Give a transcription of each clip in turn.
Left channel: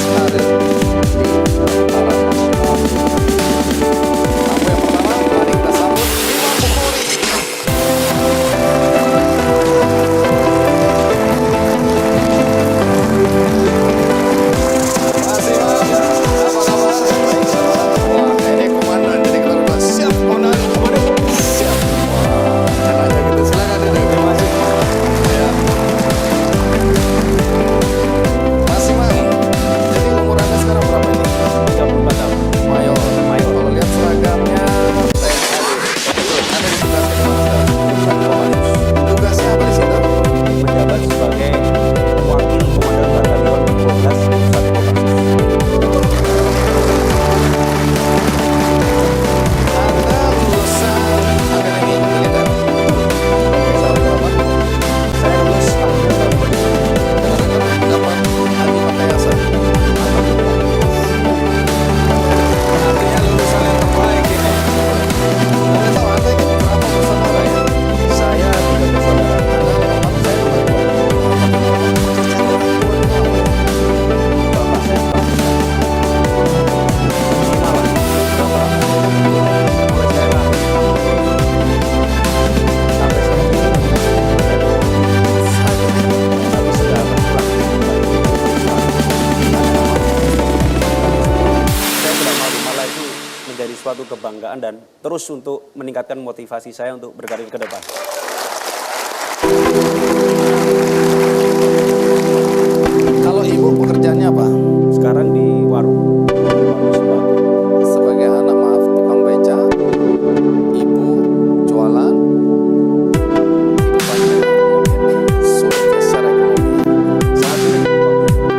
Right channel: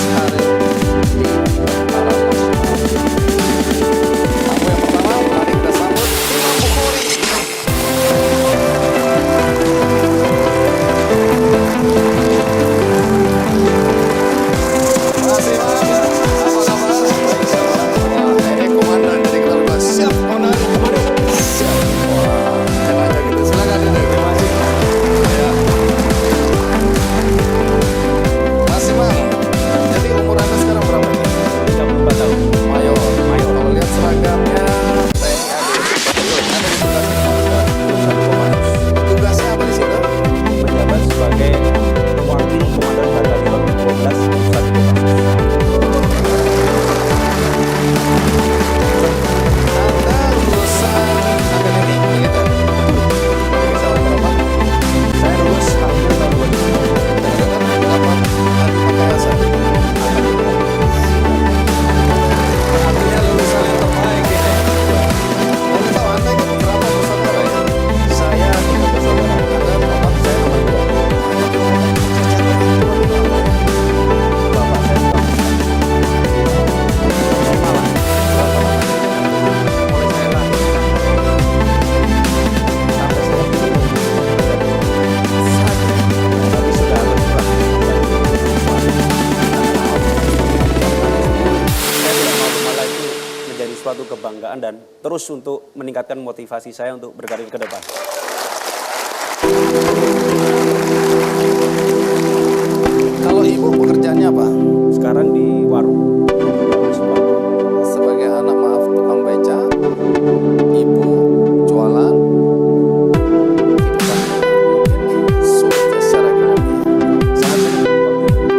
berproses karir di Tentara Nasional. Tamu yang pertama, mari kita sambut Imam Bukhori. Masih Imam, apa kabar? Baik, Bapak. Wah, ini komandan, jadi kita udah siap, komandan. Siap. Wah, enaknya gitu. Silakan duduk. Terima kasih. Ya. Mas Imam, jadi umur Anda sekarang berapa ini? 34 tahun. Mayor. Kalau lihat seragamnya TNI AD. Betul. Anda ditugaskan kemana sekarang? Jurusan Kopassus. Tugasnya apa di situ? Menjabat sebagai Wakil Komandan Batalion 12 Jurusan Kopassus. Anda lulusan akademi militer. Tahun berapa? Saya lulus akhir tahun 2000. Dengar-dengar dapat Adi Makayasa. Artinya lulusan yang terbaik ini. Boleh tahu Anda ini berapa bersaudara ya? Saya 3 bersaudara. Anda nomor Saya nomor 2. pekerjaan orang tua dulu apa ya? Bapak saya swasta. Di Malang. Berapa lama? Mulai saya lahir sampai saya ini ada 2. Saat ini. Tapi sudah berkurang. Saya tidak malu, malah itu menjadi suatu kebanggaan dan terus untuk meningkatkan motivasi saya untuk berkarir ke depan. Kalau ibu pekerjaannya apa? Sekarang di warung sepatu. Sebagai anak maaf tukang beca, ibu jualan, kehidupannya mungkin sulit ya secara ekonomi. Sangat sulit.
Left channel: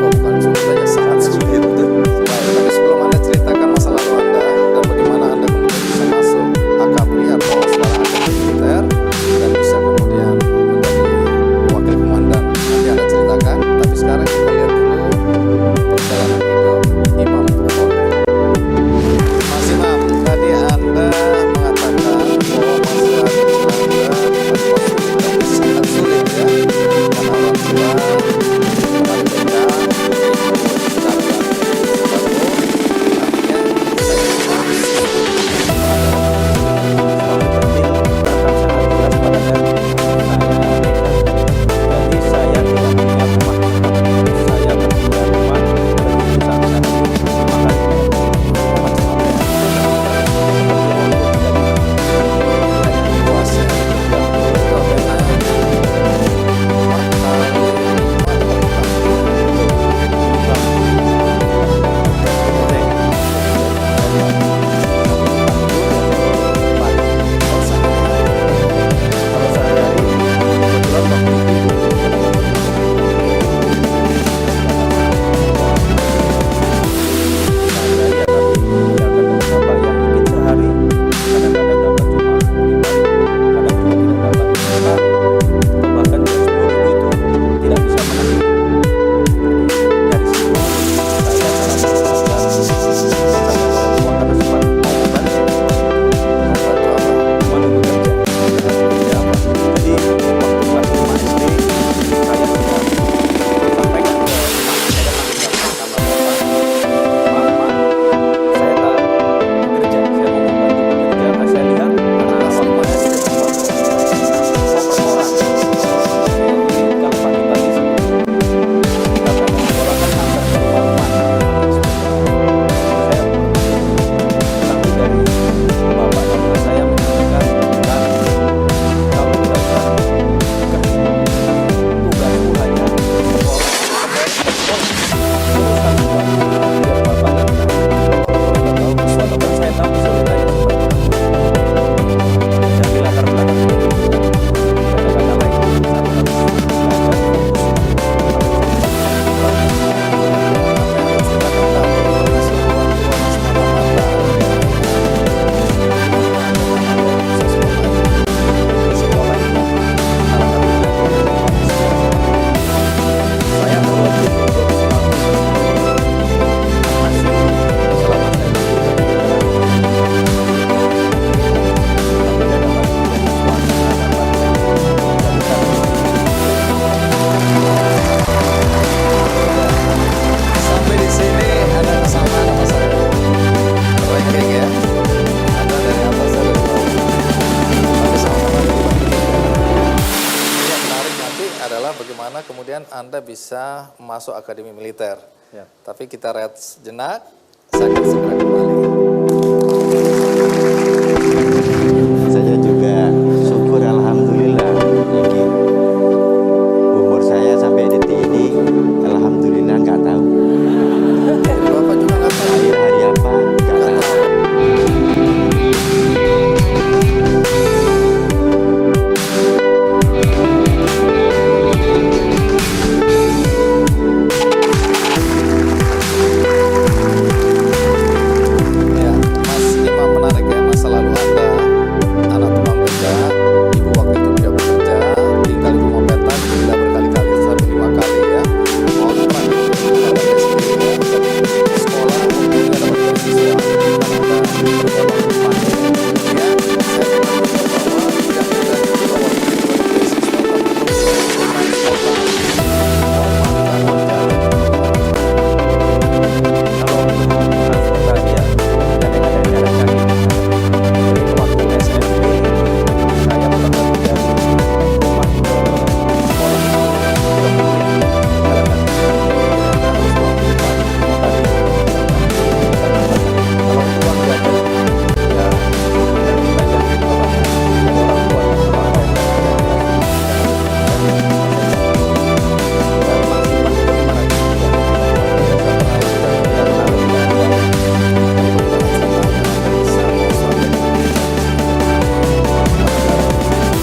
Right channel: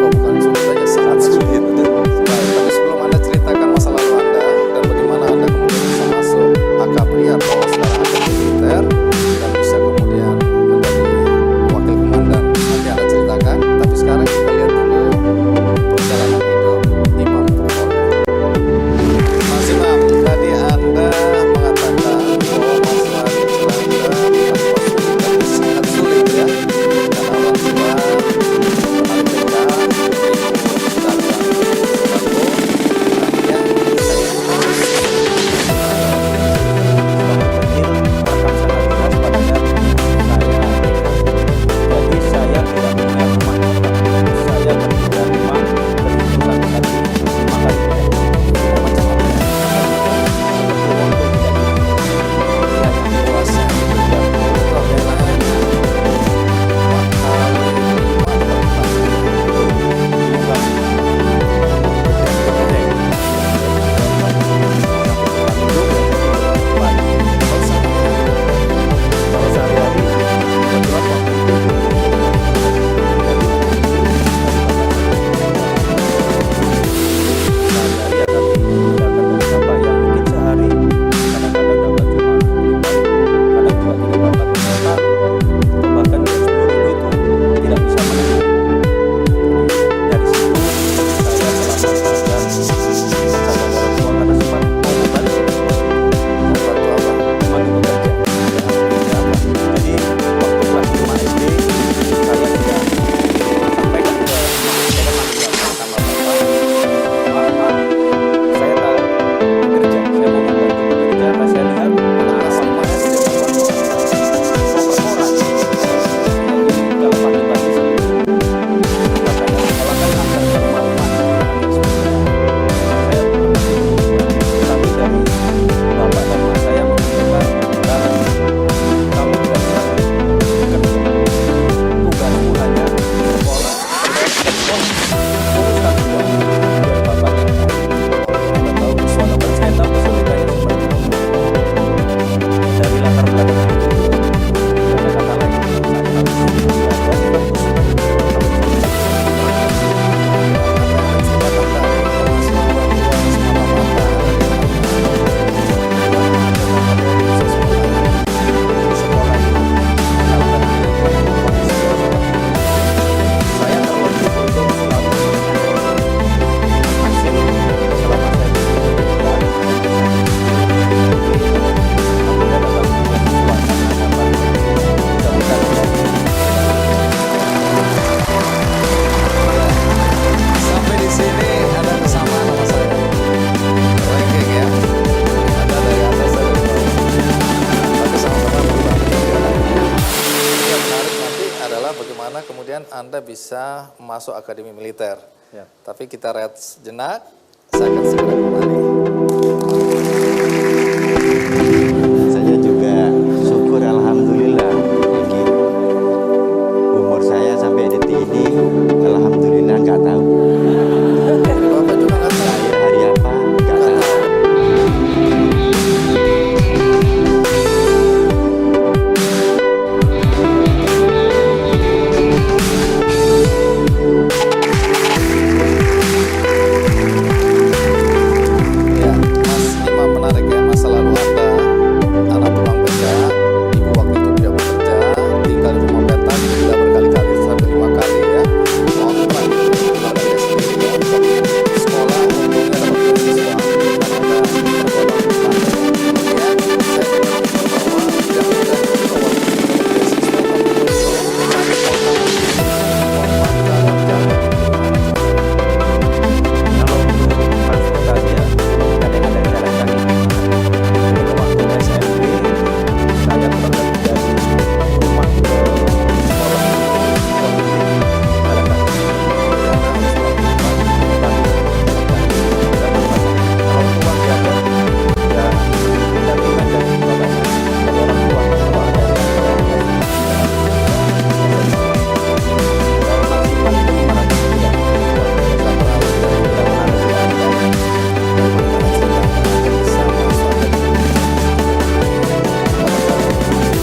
Oh bukan sulit saja, sangat sulit. Baik, tapi sebelum Anda ceritakan masa lalu Anda dan bagaimana Anda kemudian bisa masuk Akabri atau sekarang akademi militer dan bisa kemudian menjadi wakil komandan, nanti Anda ceritakan. Tapi sekarang kita lihat dulu perjalanan hidup Imam kemudian Anda bisa masuk akademi militer. Ya. Tapi kita rehat sejenak, saya akan segera kembali. Saya juga syukur alhamdulillah. Iki umur saya sampai detik ini alhamdulillah nggak tahu. Bapak juga nggak tahu. Lahir hari apa nggak tahu. Ya, Mas Imam, menarik ya, masa lalu Anda anak tukang beca, ibu waktu itu tidak bekerja, tinggal di rumah petak, tidak berkali-kali sampai 5 kali ya. Mau terakhir keluarga sendiri ya, jadi sekolah umumnya dapat beasiswa karena Anda tergolong pandai. Kemudian saya benar-benar bahwa tidak mudah juga waktu itu dapat beasiswa, tapi untuk transportasi, uang makan, uang jalan, gimana juga. Kalau untuk transportasi ya kadang ada jalan kaki. Jadi waktu SMP saya kurang lebih dari rumah ke sekolah 20 menit jalan kaki. Jadi Anda harus pulang pagi. Kalau untuk uang jajan ya kita minta dari bapak saya, dari orang tua kalau ada yang dikasih dan maksimal itu 500 rupiah. Tidak terlalu dari Tidak terlalu tidak ada. dan bagaimana ceritanya Anda bisa masuk akademi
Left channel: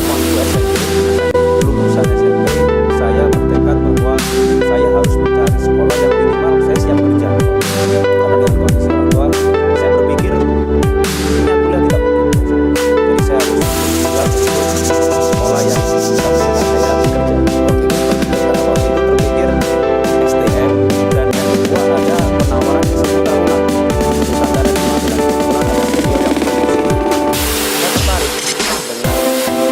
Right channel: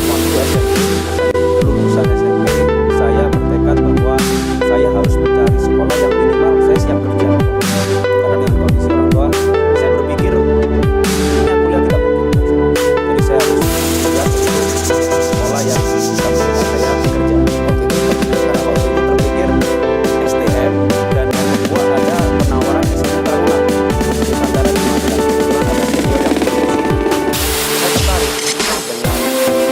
Waktu SMP, lulusan SMP, saya bertekad bahwa saya harus mencari sekolah yang minimal saya siap kerja. Karena dengan kondisi orang tua, saya berpikir ini kuliah tidak mungkin. Jadi saya harus siap untuk sekolah yang bisa memberikan saya kerja. Karena waktu itu terpikir STM dan yang kedua ada penawaran S1 Taruna Nusantara di Magelang. Kebetulan ada senior yang promosi. Saya tertarik dengan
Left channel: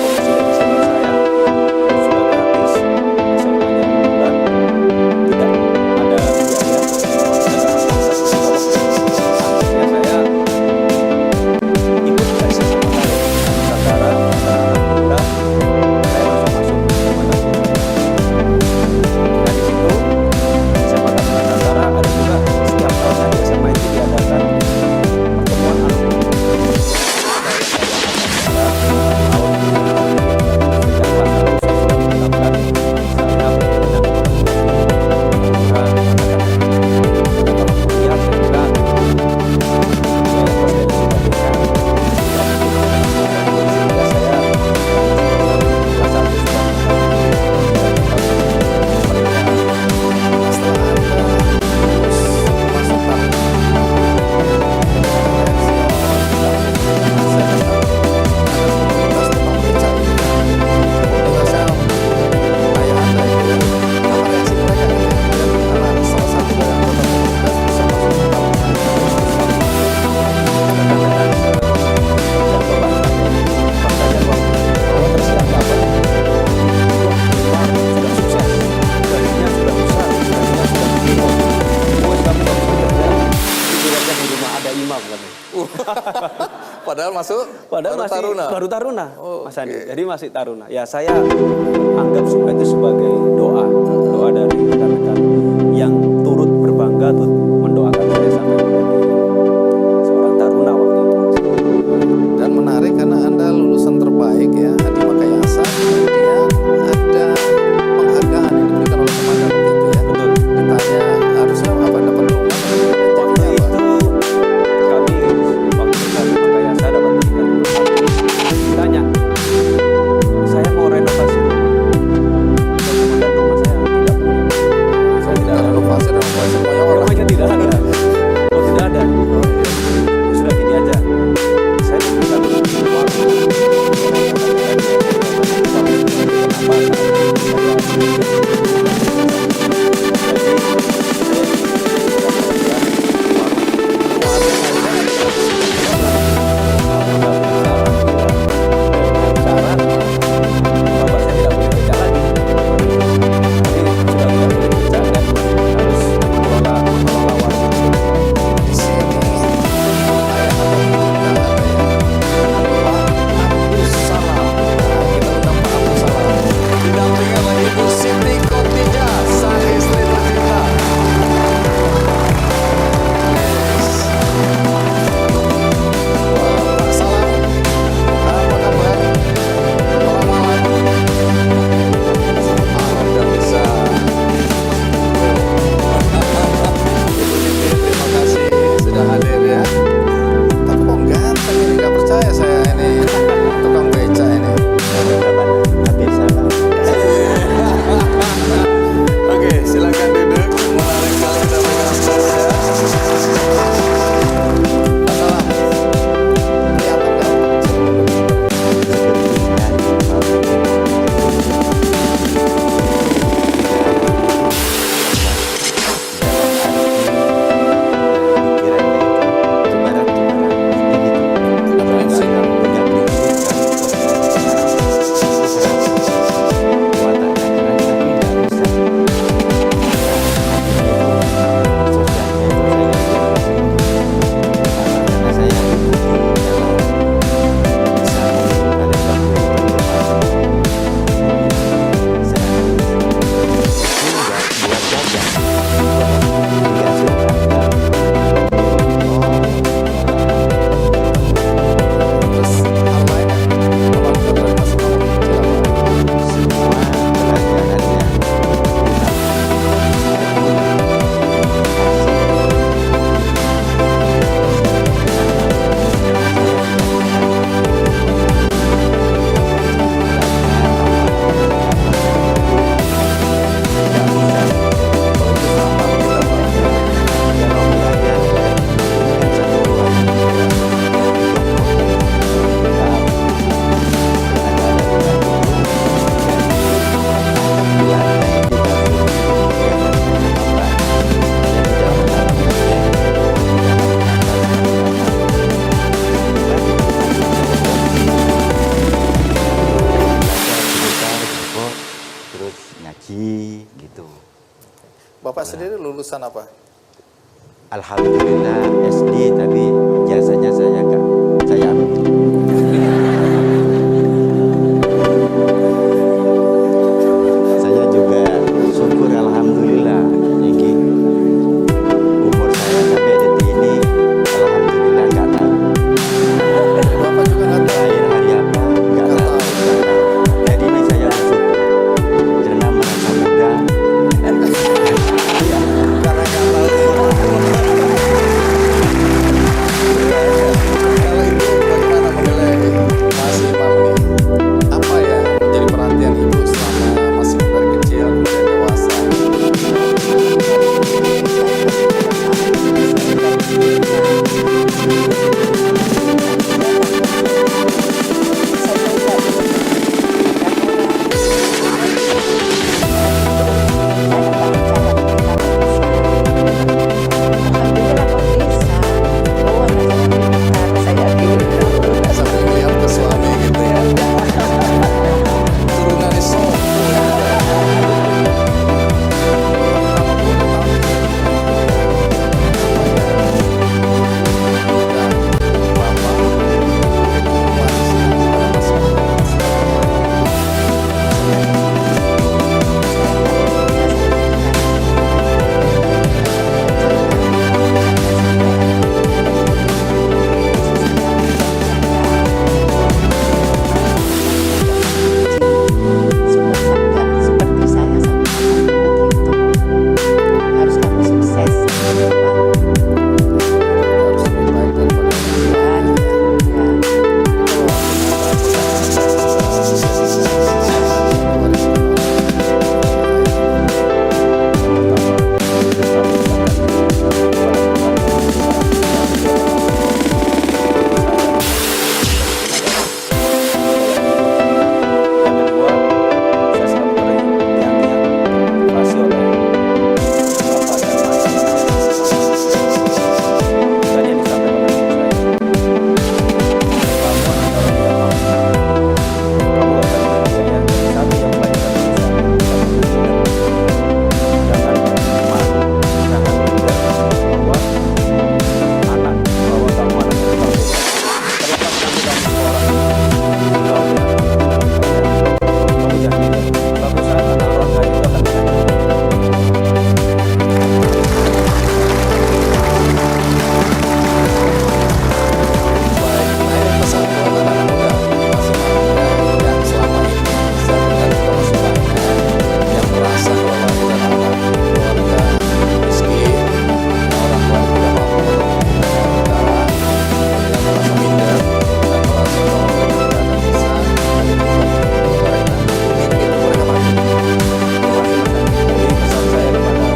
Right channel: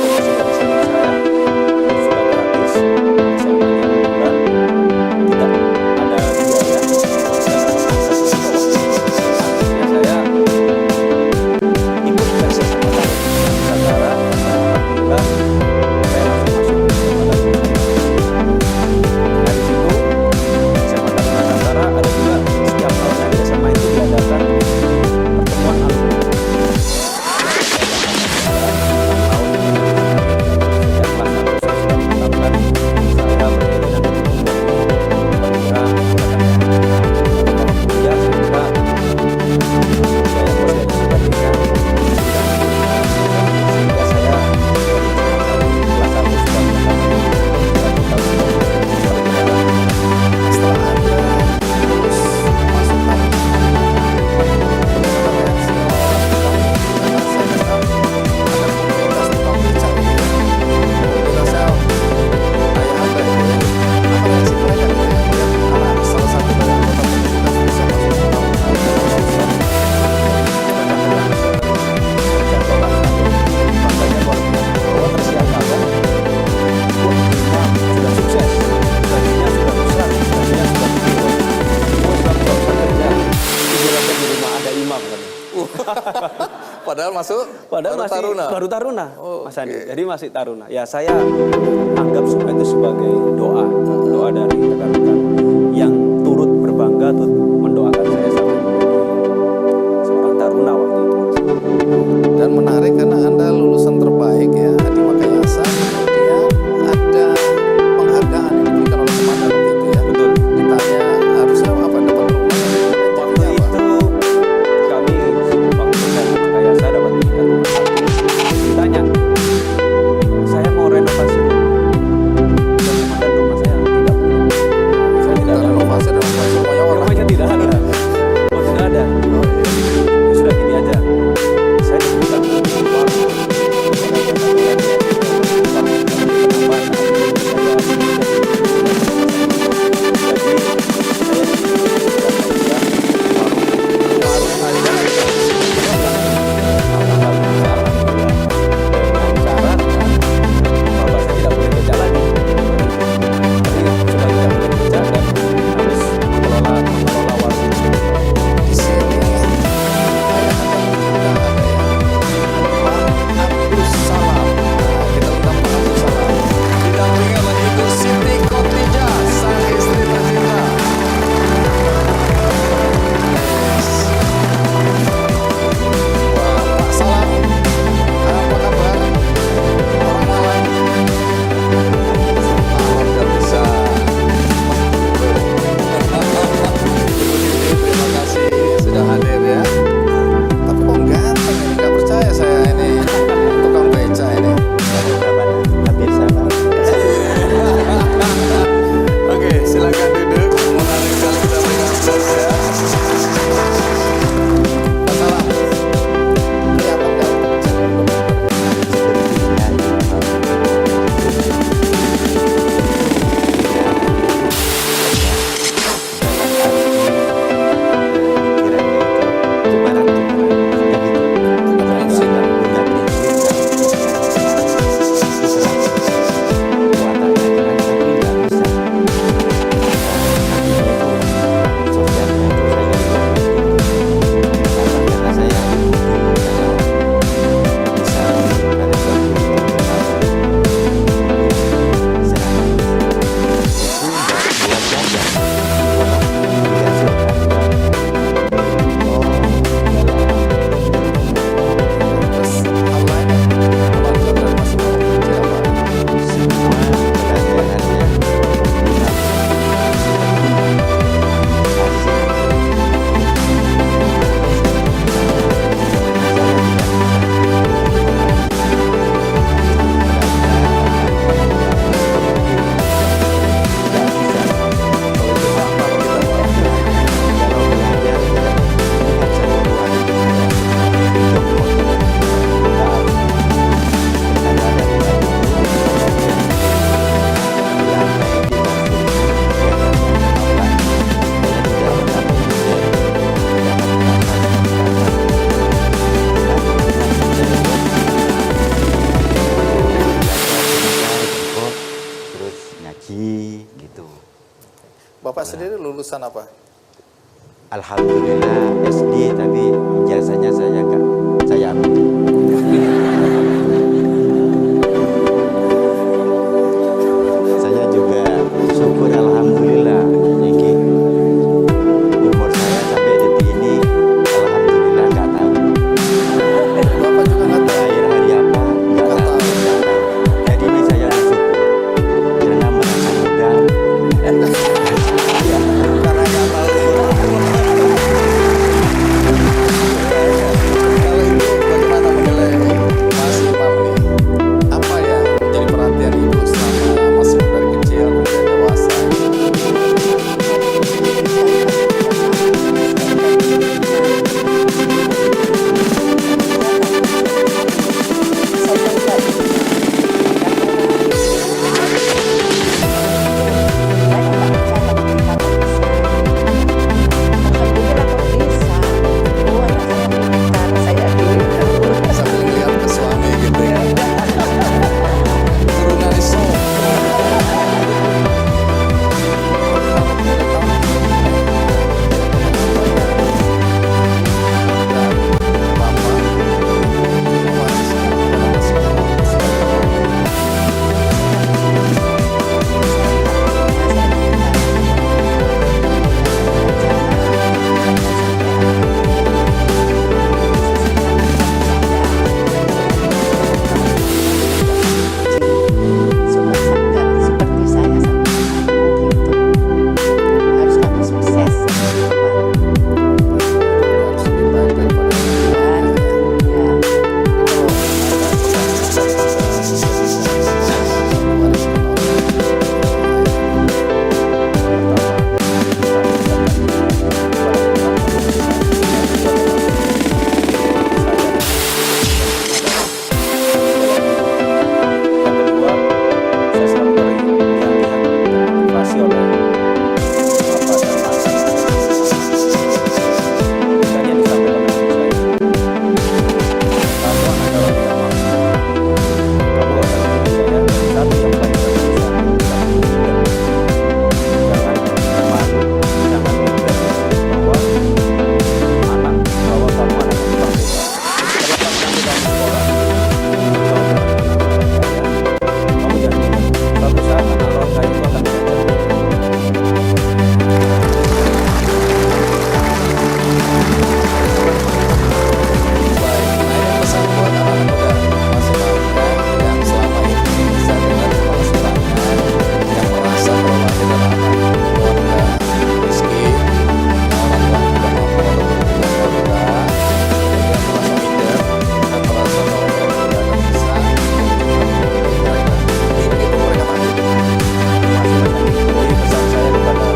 promosi dari senior saya yang sudah gratis, SMA-nya bulan, tidak ada biaya, saya dapat satu juta waktu itu. Akhirnya saya ikut tes SMA Nusantara dan alhamdulillah saya langsung masuk ke SMA Nusantara. Nah di situ SMA Nusantara ada juga setiap tahunnya di SMA itu diadakan pertemuan alumni. Tahun sejak kelas 1 saya sudah menetapkan saya berkeinginan untuk menjadi perwira angkatan darat. Kalau kuliah saya kira biaya kos dan sebagainya tidak cukup, sehingga saya kelas 1 sudah menetapkan cita-cita untuk perwira. Nah, setelah Anda lulus masuk Taruna, bagaimana reaksi orang-orang di kampung? Karena saya dengar ada komunitas tukang beca ini ya, komunitasnya ayah Anda ini ya. Apa reaksi mereka gitu ya, melihat anak salah satu dari anggota komunitas bisa masuk ke Taruna itu lulus Taruna? Rekan-rekan sekerja bapak saya bangganya luar biasa bahwa tersiar kabar wah Imam sudah sukses, gajinya sudah besar, gajinya sudah begini, wes kamu gak usah kerja, tidur aja di rumah ada Imam katanya. Padahal masuk Padahal baru masih Taruna. baru Taruna, Oh, Mas Andi. oke. Jadi masih Taruna. Ya saya anggap semua itu sebagai doa dari rekan-rekan yang turut berbangga, turut mendoakan saya sampai menjadi seorang Taruna waktu itu. Mas. Dan menarik karena Anda lulusan terbaik ya di Makayasa, kemudian ada penghargaan yang diberikan oleh komandan waktu itu ya. Betul. Ditanya harusnya apa, dapat rumah, tapi kemudian Waktu jadinya apa? itu kami waktu dari Makayasa dapat berikan rumah satu. Ditanya, saya mau renovasi rumah. Dan komandan rumah saya tidak lulusan apa? Alhamdulillah SD, tapi jasanya saya enggak, saya ambil. Saya juga syukur alhamdulillah niki umur saya sampai detik ini alhamdulillah nggak tahu. Bapak juga nggak tahu. Lahir hari apa nggak Nggak tahu, tahu. nggak tahu. Jadi ini saya bersyukur karena merasa muda. Iya, karena nggak tahu. Kalau ibu bagaimana menilai Mas Imam nih? Apa yang menjadi perhatian ibu selama masih dari kecil kemudian dewasa? Sambil melihat ke suami gitu ya. Turunan di sopo. Kalau boleh tahu apa yang dan Bapak wariskan kepada Mas Imam sebagai seperti saya sama anakku gitu. Harus kamu sukses sama depan. harus lebih baik daripada orang Ya, tua. ya. Kalau ada pesan-pesan yang bisa diwariskan oleh Yang kedua, saya selalu terngiang-ngiang termotivasi oleh Bapak dan Mas. Dan yang disampaikan oleh ibu saya, kamu anak orang tidak mampu, kamu gak usah bikin biaya. Satu yang pelajaran bisa, jangan malu, jangan minder bahwa kamu anak yang berbeda. Terlepas nanti kamu sekolah, kau dengan anak orang kaya, kamu jangan minder. Suatu saat anak orang kaya itu akan belajar. baik. Nah ini pesan buat anak-anak muda Mas Imam ya, yang selama ini saya dengar juga masih banyak yang merasa kalau lahir dari anak keluarga miskin, yang orang tuanya tidak mampu atau tidak rendah, kemudian merasa minder dan merasa bahwa mereka tidak akan bisa mewujudkan mereka. Mimpi itu mereka mati. Masih macam ini pesan saya kepada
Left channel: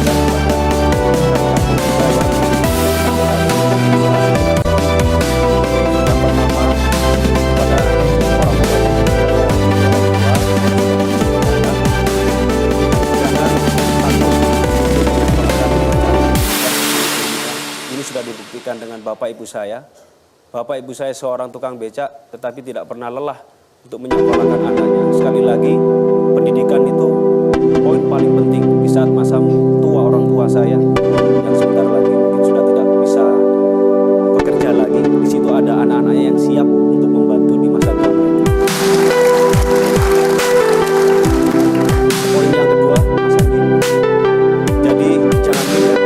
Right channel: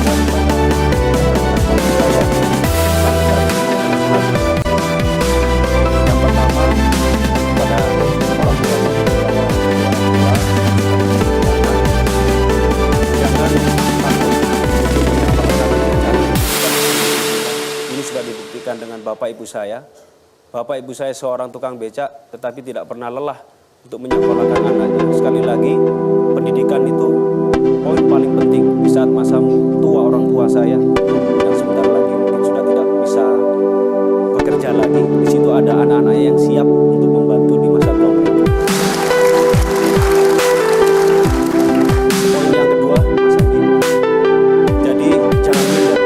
dan kepada rekan-rekan kita yang sampai saat ini masih bekerja. Yang pertama kepada orang tua, kepada orang tua, anak, jangan takut untuk menyekolahkan mencari pendidikan. Ini sudah dibuktikan dengan bapak ibu saya. Bapak ibu saya seorang tukang becak, tetapi tidak pernah lelah untuk menyekolahkan anaknya. Sekali lagi, pendidikan itu poin paling penting di saat masamu tua orang tua saya yang sebentar lagi mungkin sudah tidak bisa bekerja lagi. Di situ ada anak-anaknya yang siap untuk membantu di masa tua mereka. Poin yang kedua, Mas Andi, jadi jangan minder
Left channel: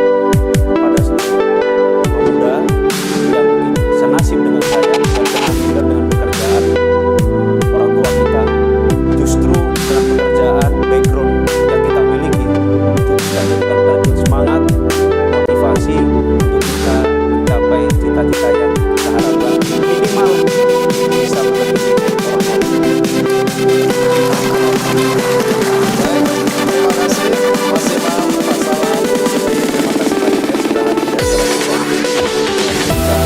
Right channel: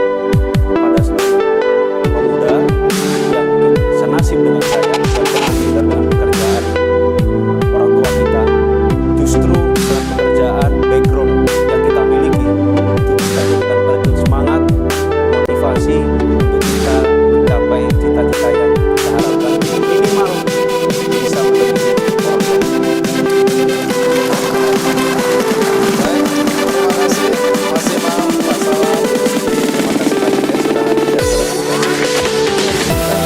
kepada seluruh pemuda yang mungkin senasib dengan saya dan pernah minder dengan pekerjaan orang tua kita. Justru dengan pekerjaan background yang kita miliki itu bisa jadikan batu semangat, motivasi untuk kita mencapai cita-cita yang kita harapkan, minimal bisa melebihi orang tua. Baik, terima kasih Mas Imam, Pak Salam, Bu Siti. Terima kasih banyak yang sudah hadir di acara kita. Memberikan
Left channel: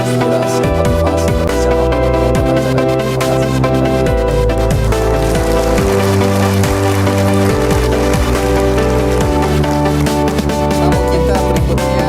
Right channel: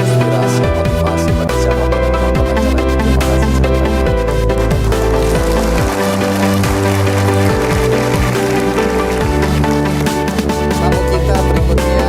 inspirasi, motivasi bagi siapapun yang menonton acara ini. Terima kasih sekali lagi. Tamu kita berikutnya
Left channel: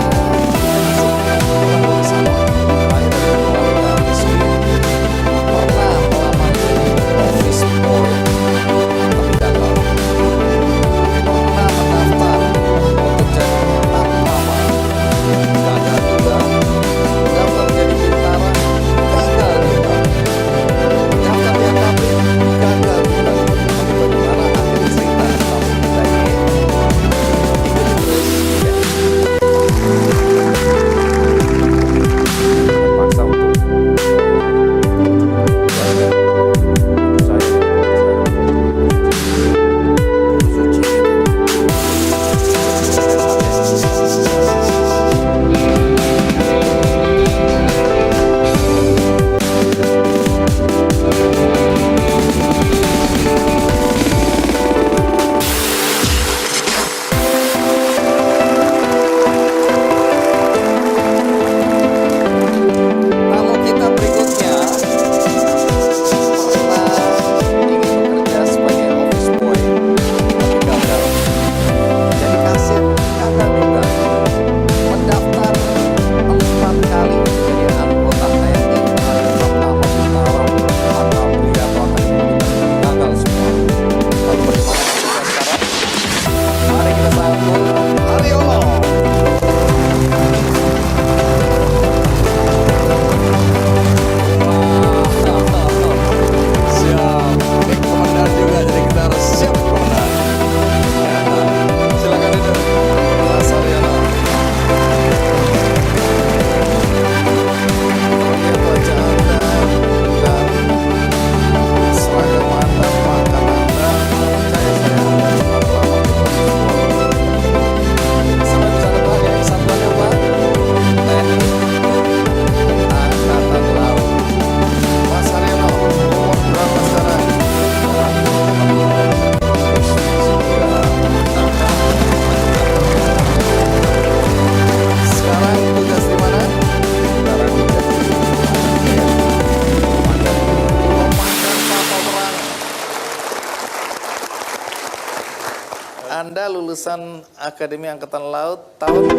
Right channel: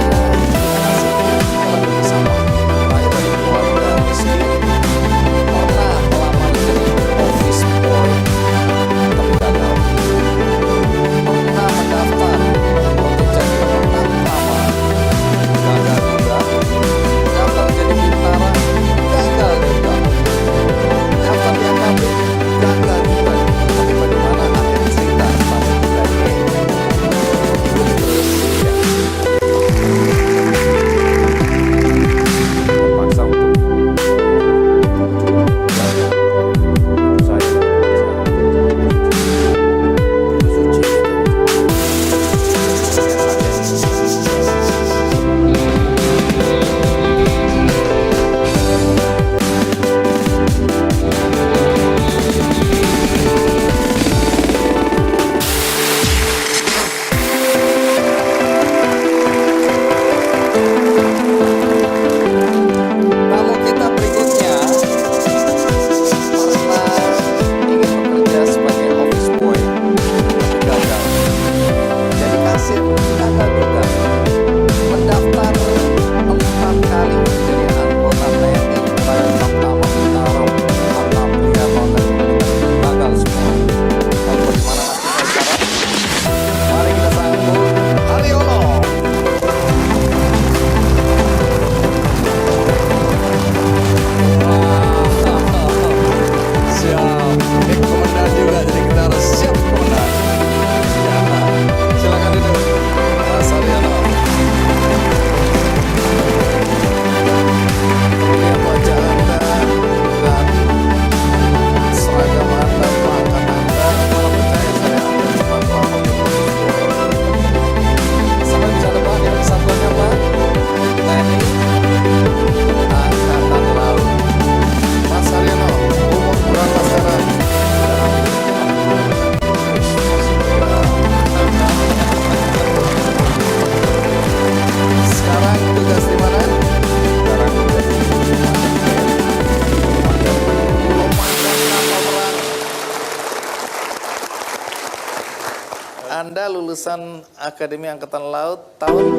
lulusan Akademi Angkatan Laut tahun.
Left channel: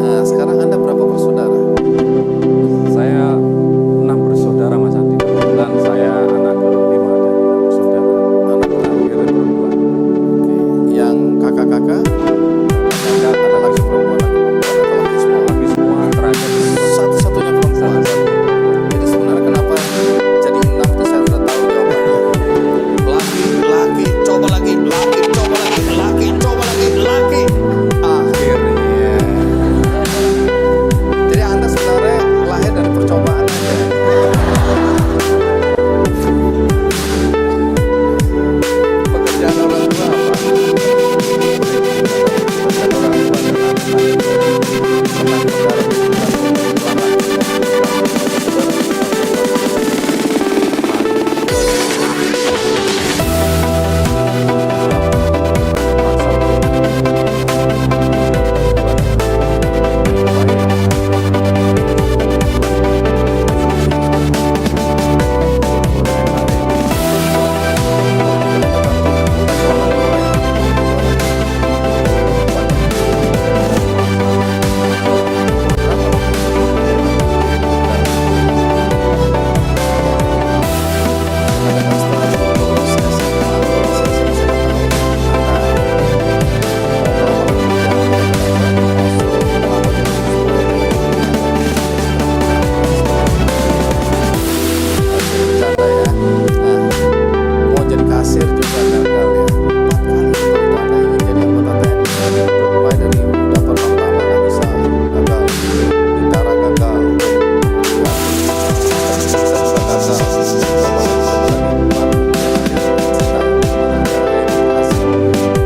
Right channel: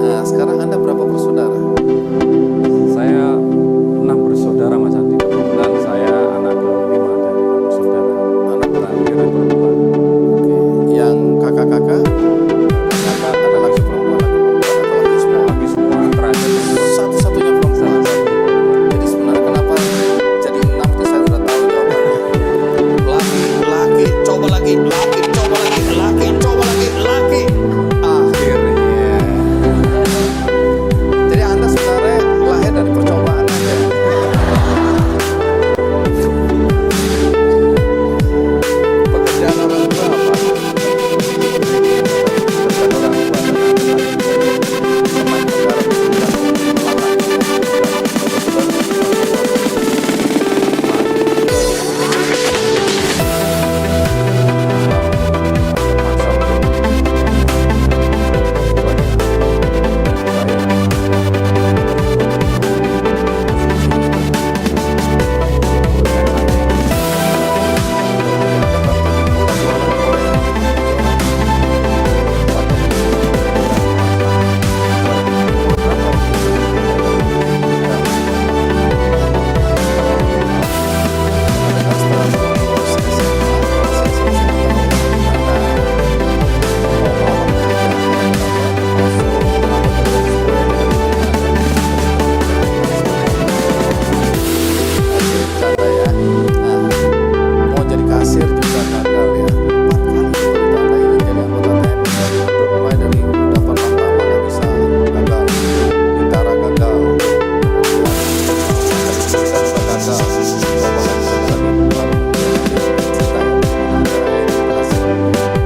Nah, sekarang Anda berapa bersaudara? Saya 6 bersaudara Mas Andi. Kebetulan saya anak kelima dari 6 bersaudara. Anak terakhir perempuan. Oke. Yang kakak-kakak? Kakak Ada lagi perempuan, atau laki semua? laki semua terakhir perempuan. Satu-satunya perempuan. Satu-satunya perempuan. Jadi sebenarnya kenapa jadi 6 itu saya sudah tahu jawabannya. Laki, coba lagi, laki, coba lagi, laki, coba lagi, laki. Akhirnya. Jadi Anda sebenarnya lahir dari percobaan aja. Pekerjaan orang tua apa? Pekerjaan orang tua adalah Pernah menggarap bukan pelarang. paksa untuk kasir juga gagal ya. 4 kali betul Anda ingin jadi anggota TNI, mulai dari daftar pertama nggak bisa, gagal, Bintara gagal, kemudian kita juga gagal, coba lagi, baru kemudian ada cerita yang dimana ada yang berhasil.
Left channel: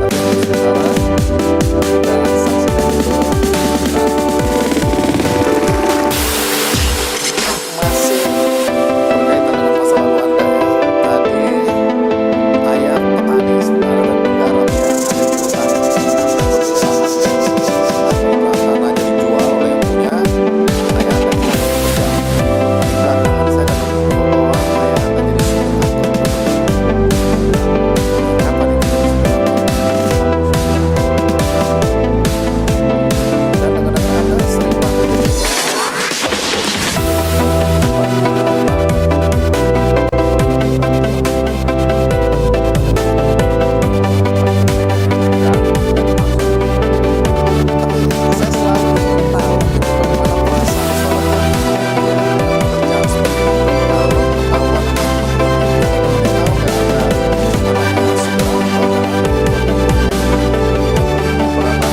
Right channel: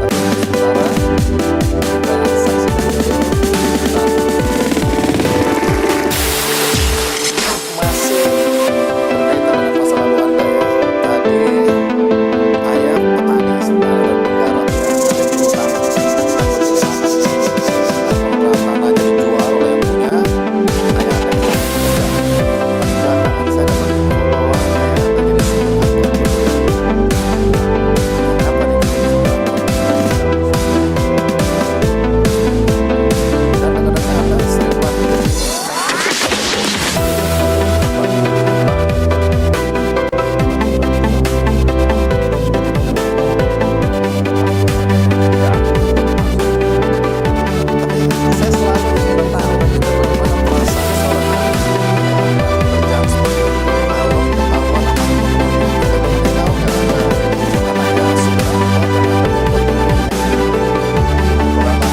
Tapi untuk sementara kita saksikan dulu. Masih berkaitan dengan masa lalu Anda ya. Tadi ayah petani sebenarnya dan penggarap ya, ada di hutan dan perpisahan. Kemudian tanahnya dijual oleh yang punya, ayah Anda tidak bekerja. Tapi belakangan saya dapat info bahwa ayah Anda jadi supir angkot. Kapan itu jadi supir angkot? Dan dengar-dengar Anda sering bantu jadi saya selalu ingin tahu gitu, bagaimana perasaan seorang anak ya, dengan pekerjaan seperti itu. Kalau ketahuan sama teman-teman, tahu nggak ada namanya supir angkot dan ada berapa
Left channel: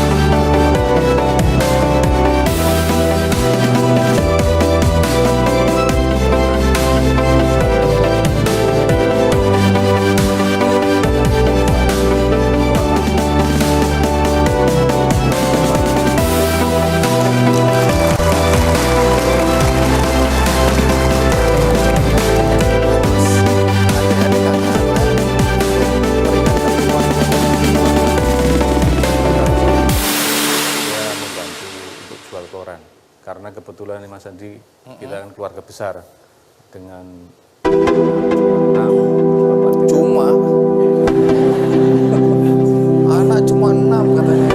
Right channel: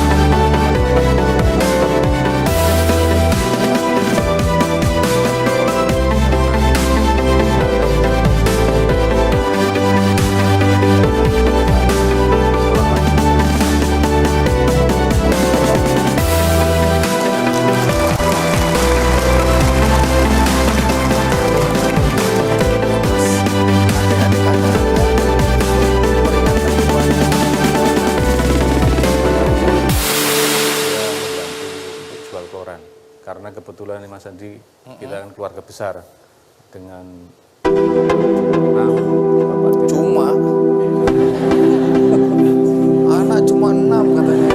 adik-adik kakak Anda meringankan bebannya. dia membantu untuk jual koran. Karena kebetulan nih Mas Andi, kita kan keluarga besar dengan 6 bapak tiga. Cuma anak cuma 6 katanya.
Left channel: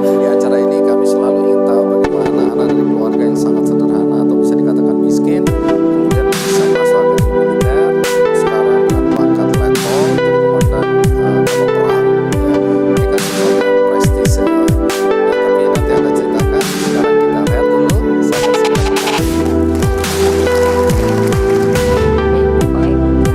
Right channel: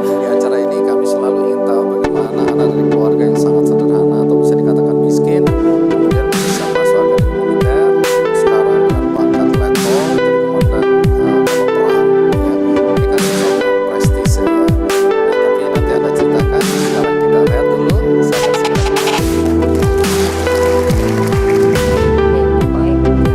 Di acara ini kami selalu ingin tahu bagaimana anak dari keluarga yang sangat sederhana atau bisa dikatakan miskin kemudian bisa masuk akademi militer, sekarang dengan pangkat letkol jadi komandan kapal perang ya. Ini kan sesuatu yang prestis ya. Nah, tapi nanti Anda ceritakan. Sekarang kita lihat dulu. Saya akan segera kembali. Baik.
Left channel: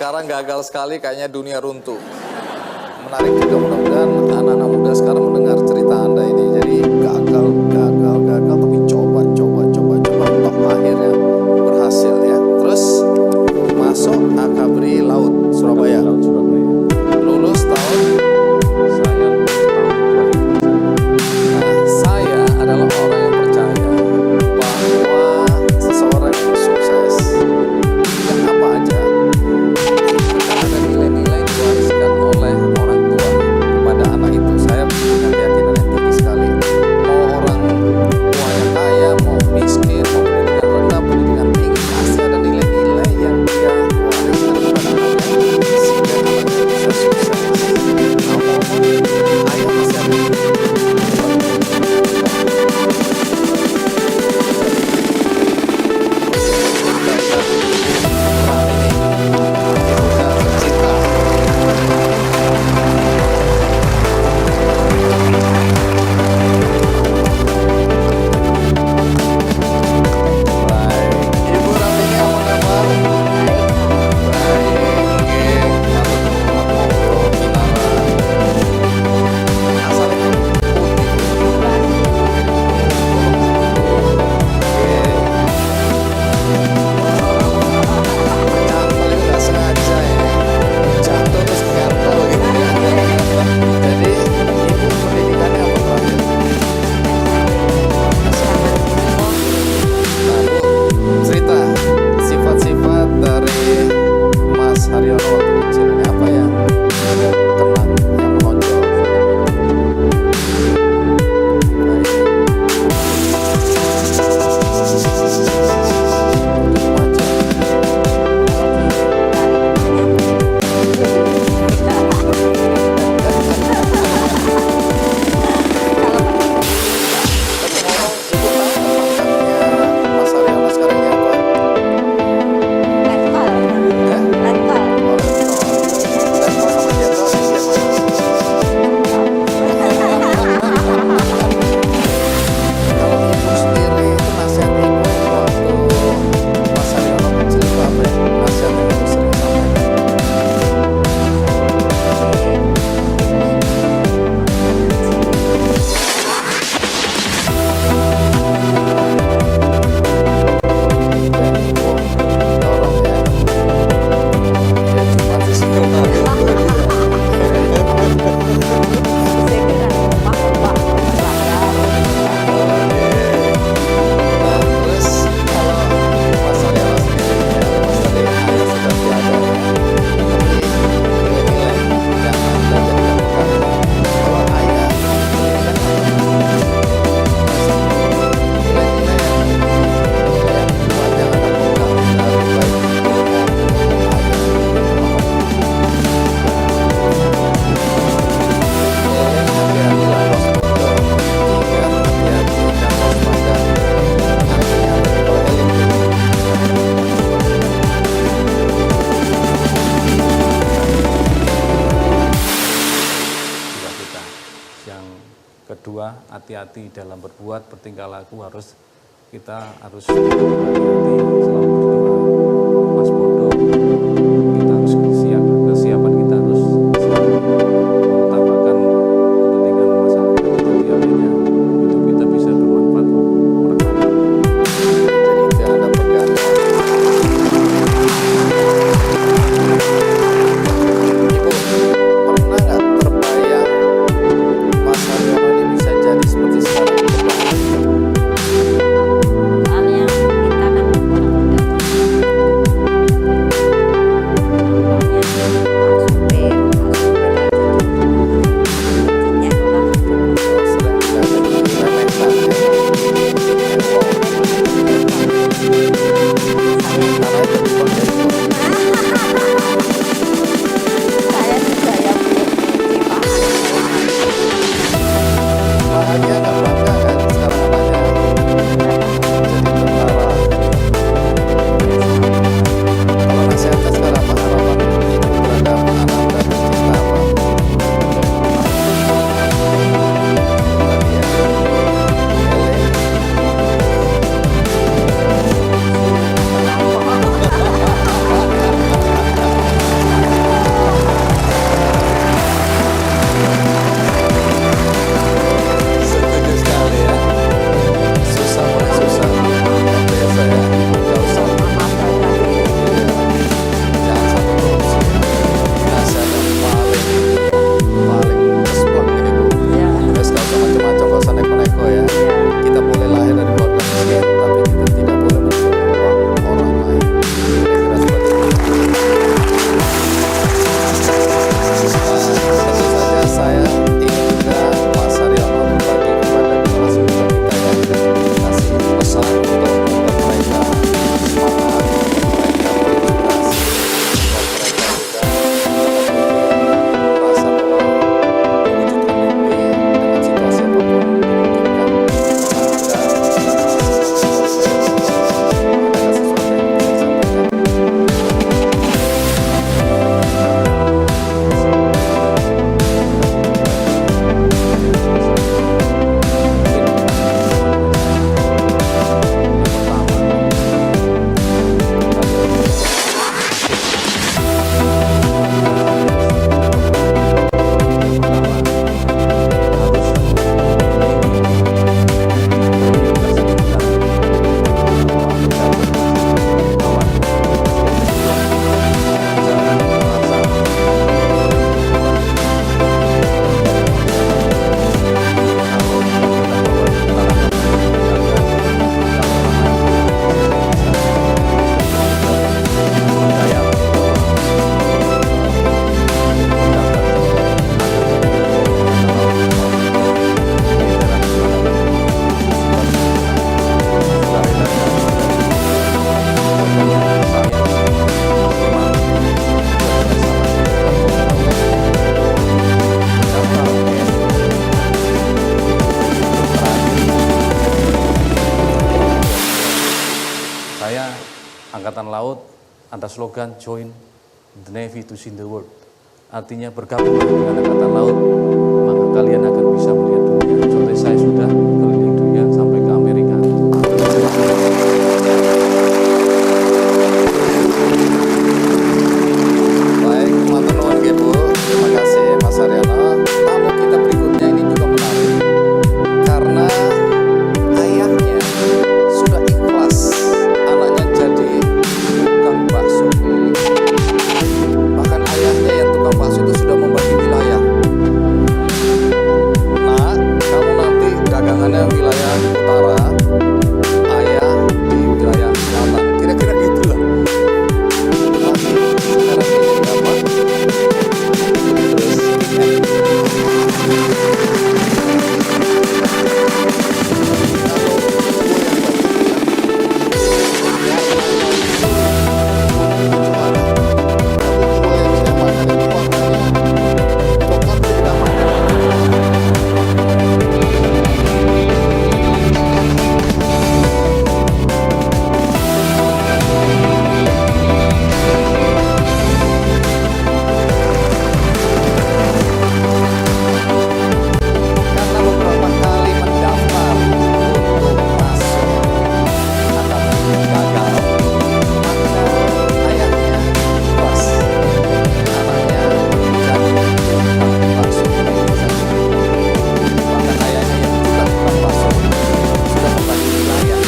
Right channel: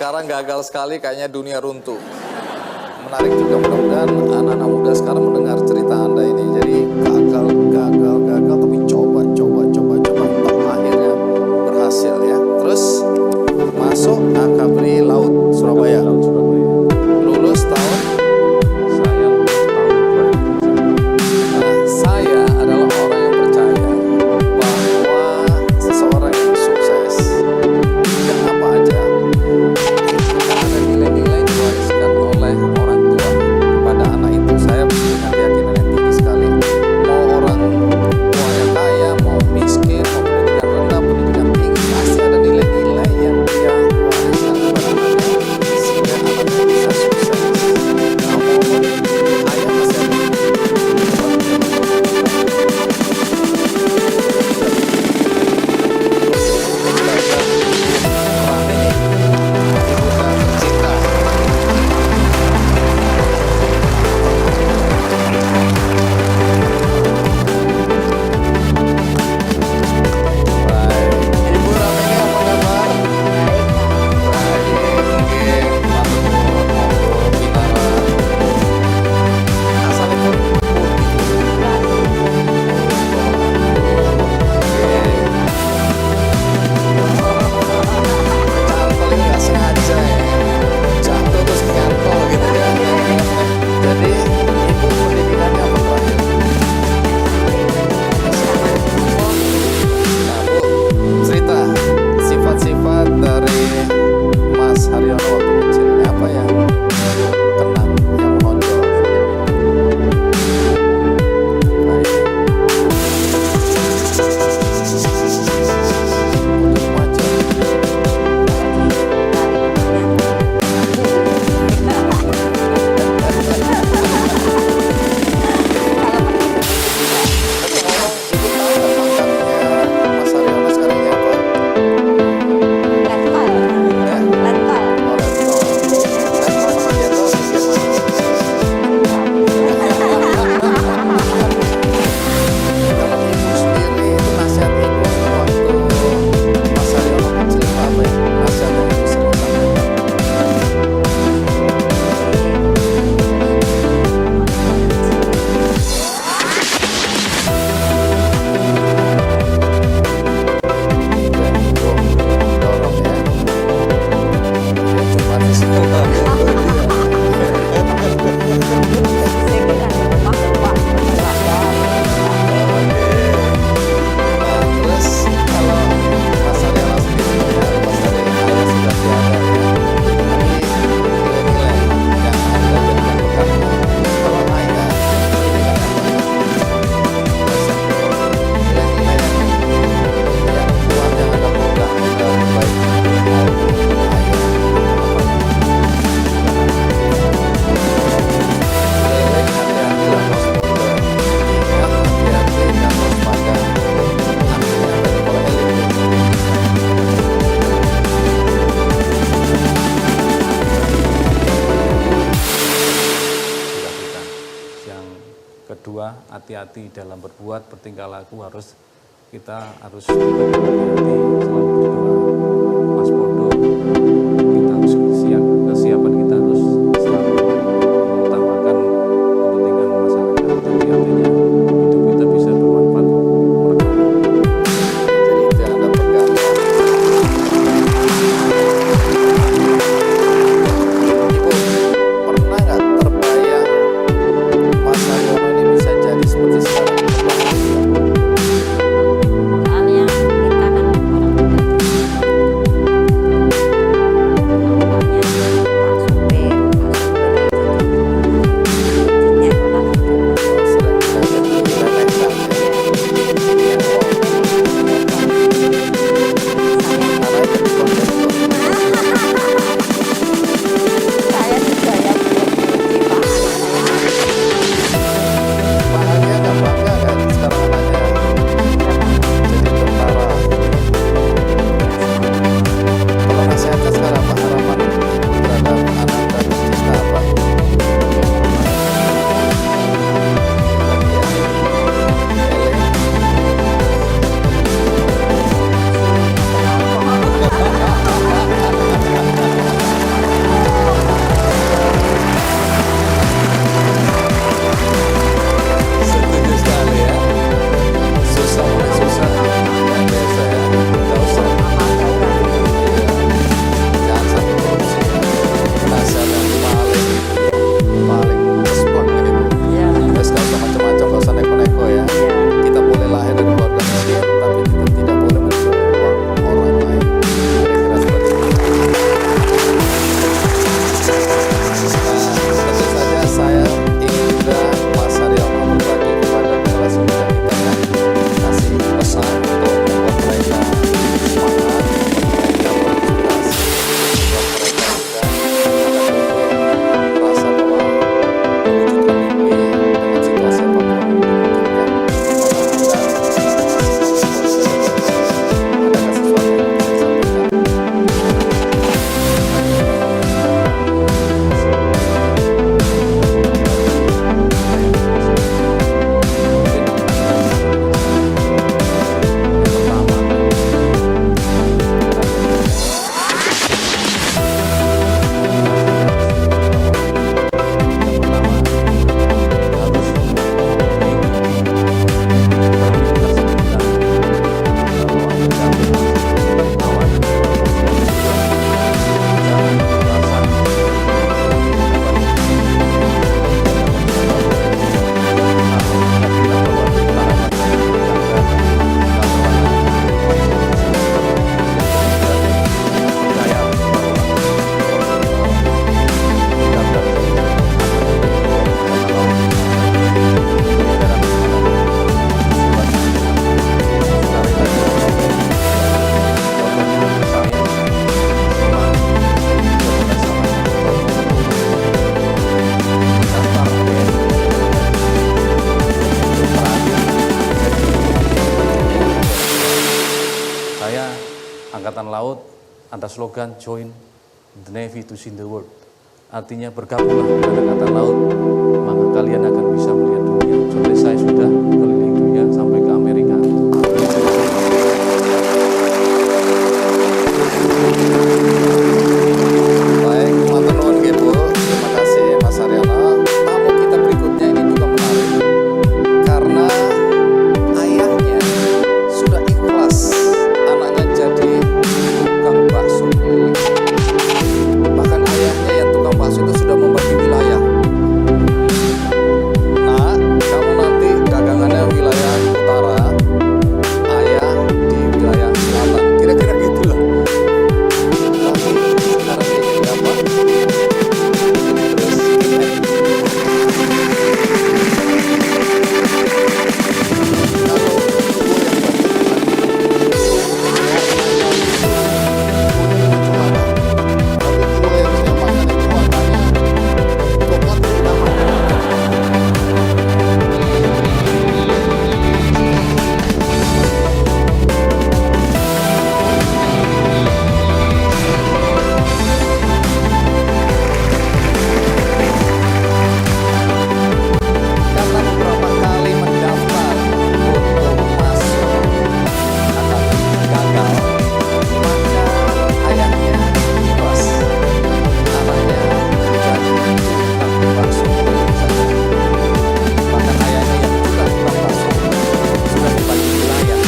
sekarang gagal sekali, kayaknya dunia runtuh. Menarik juga, mudah-mudahan anak-anak muda sekarang mendengar cerita Anda ini. Jadi gagal, tapi coba, toh akhirnya berhasil ya. Terus masuk Akabri Laut Surabaya. Laut Surabaya. Lulus tahun. Saya lulus tahun 2000. Nah, saya adalah orang yang percaya bahwa seseorang yang sukses tidak apa aja itu kan ada nilai-nilai diwariskan oleh orang tua kepada anak itu. Saya punya keyakinan yang tinggi sekali. Mau orang tuanya kaya, mau miskin, mau pendidikan rendah, pendidikan tinggi, pasti ada nilai-nilai yang dia wariskan kepada anaknya sehingga anaknya bisa sukses. Nah, ngomong ayah masih ada. Rame nih, ini udah tercipta. Baik, Ibu Ramini apa kabar? Baik, nggih, matur nuwun, monggo Kinara. Asalipun pundi? Nggih. Cantol itu nggak sengaja ya, jatuh terus nyantol gitu ya. Jadi ibu pendidikannya apa terakhir? Nah Bu, cerita sifat-sifat dari Mas Haryono waktu kecil ini apa yang kenang, yang menonjol? Baik. Untuk wajah. Tapi ngomong, ibu tahu nggak pangkatnya Mas Haryono sekarang ini apa? Ya? Oh, letkol. Letkol sama jenderal di bagian mana? Kalau ibu sendiri itu nasihat ibu waktu Mas Haryono kecil itu apa ya? Nasihat yang ibu sering sampaikan. Dan ibu dorong ya. Ya cuma di situ gitu ya. Oke. Nah, terus kalau Mas Haryono sendiri ya, lepas dari ayah sudah tiada ya, tapi nilai-nilai yang Anda jadikan pegangan. Kalau ayah pendidikan apa? Bahasa nilai-nilai yang kuat yang Anda pegang dari baik ibu maupun ayah itu apa? Eling hati-hati lah los bondo. Ingat hati-hati dan waspada. Artinya apa itu kalau eling itu? Cita-cita. Yang kedua, hati-hati dalam berbuat, bertingkah laku kita harus hati-hati selalu berdoa. Waspada, kita harus kesiapan kita harus selalu mengutamakan kepentingan masyarakat. Jadi artinya hidup kita bisa bermanfaat untuk orang lain. Jadi itu yang Anda pegang ya. Ibu, pernah nggak terbayang Mas Haryono ini bisa jadi seperti sekarang? Soalnya kita kan orang muda Angkatan Laut ada slogan Join the Navy to see the world. Artinya bergabunglah dengan Angkatan Laut, maka kalian akan bisa melihat dunia. Seperti saya sudah keliling dunia sampai ke Amerika. Baik, matur nuwun nggih Bu. Terima kasih Mas Haryono. Tamu kita berikutnya ini juga menarik karena ayahnya sudah ikhlas anaknya jadi tukang bakso keliling. Bahkan ayahnya yang tukang bakso itu sudah membagi wilayah. Nah, kamu nanti dagangannya wilayah utara, ayah di wilayah selatan. Kira-kira gitulah. Tapi sekarang dia jadi apa? Terus kalau gue yang bagi warnanya itu kecuali, tapi tiwul yang saya makan itu warnanya coklat kehitaman. Karena beberapa kali mendaftar untuk masuk akademi gagal, maka ayahnya ikhlas anaknya menjadi tukang bakso keliling saja. Bahkan ayahnya yang juga tukang bakso sudah membagi wilayah,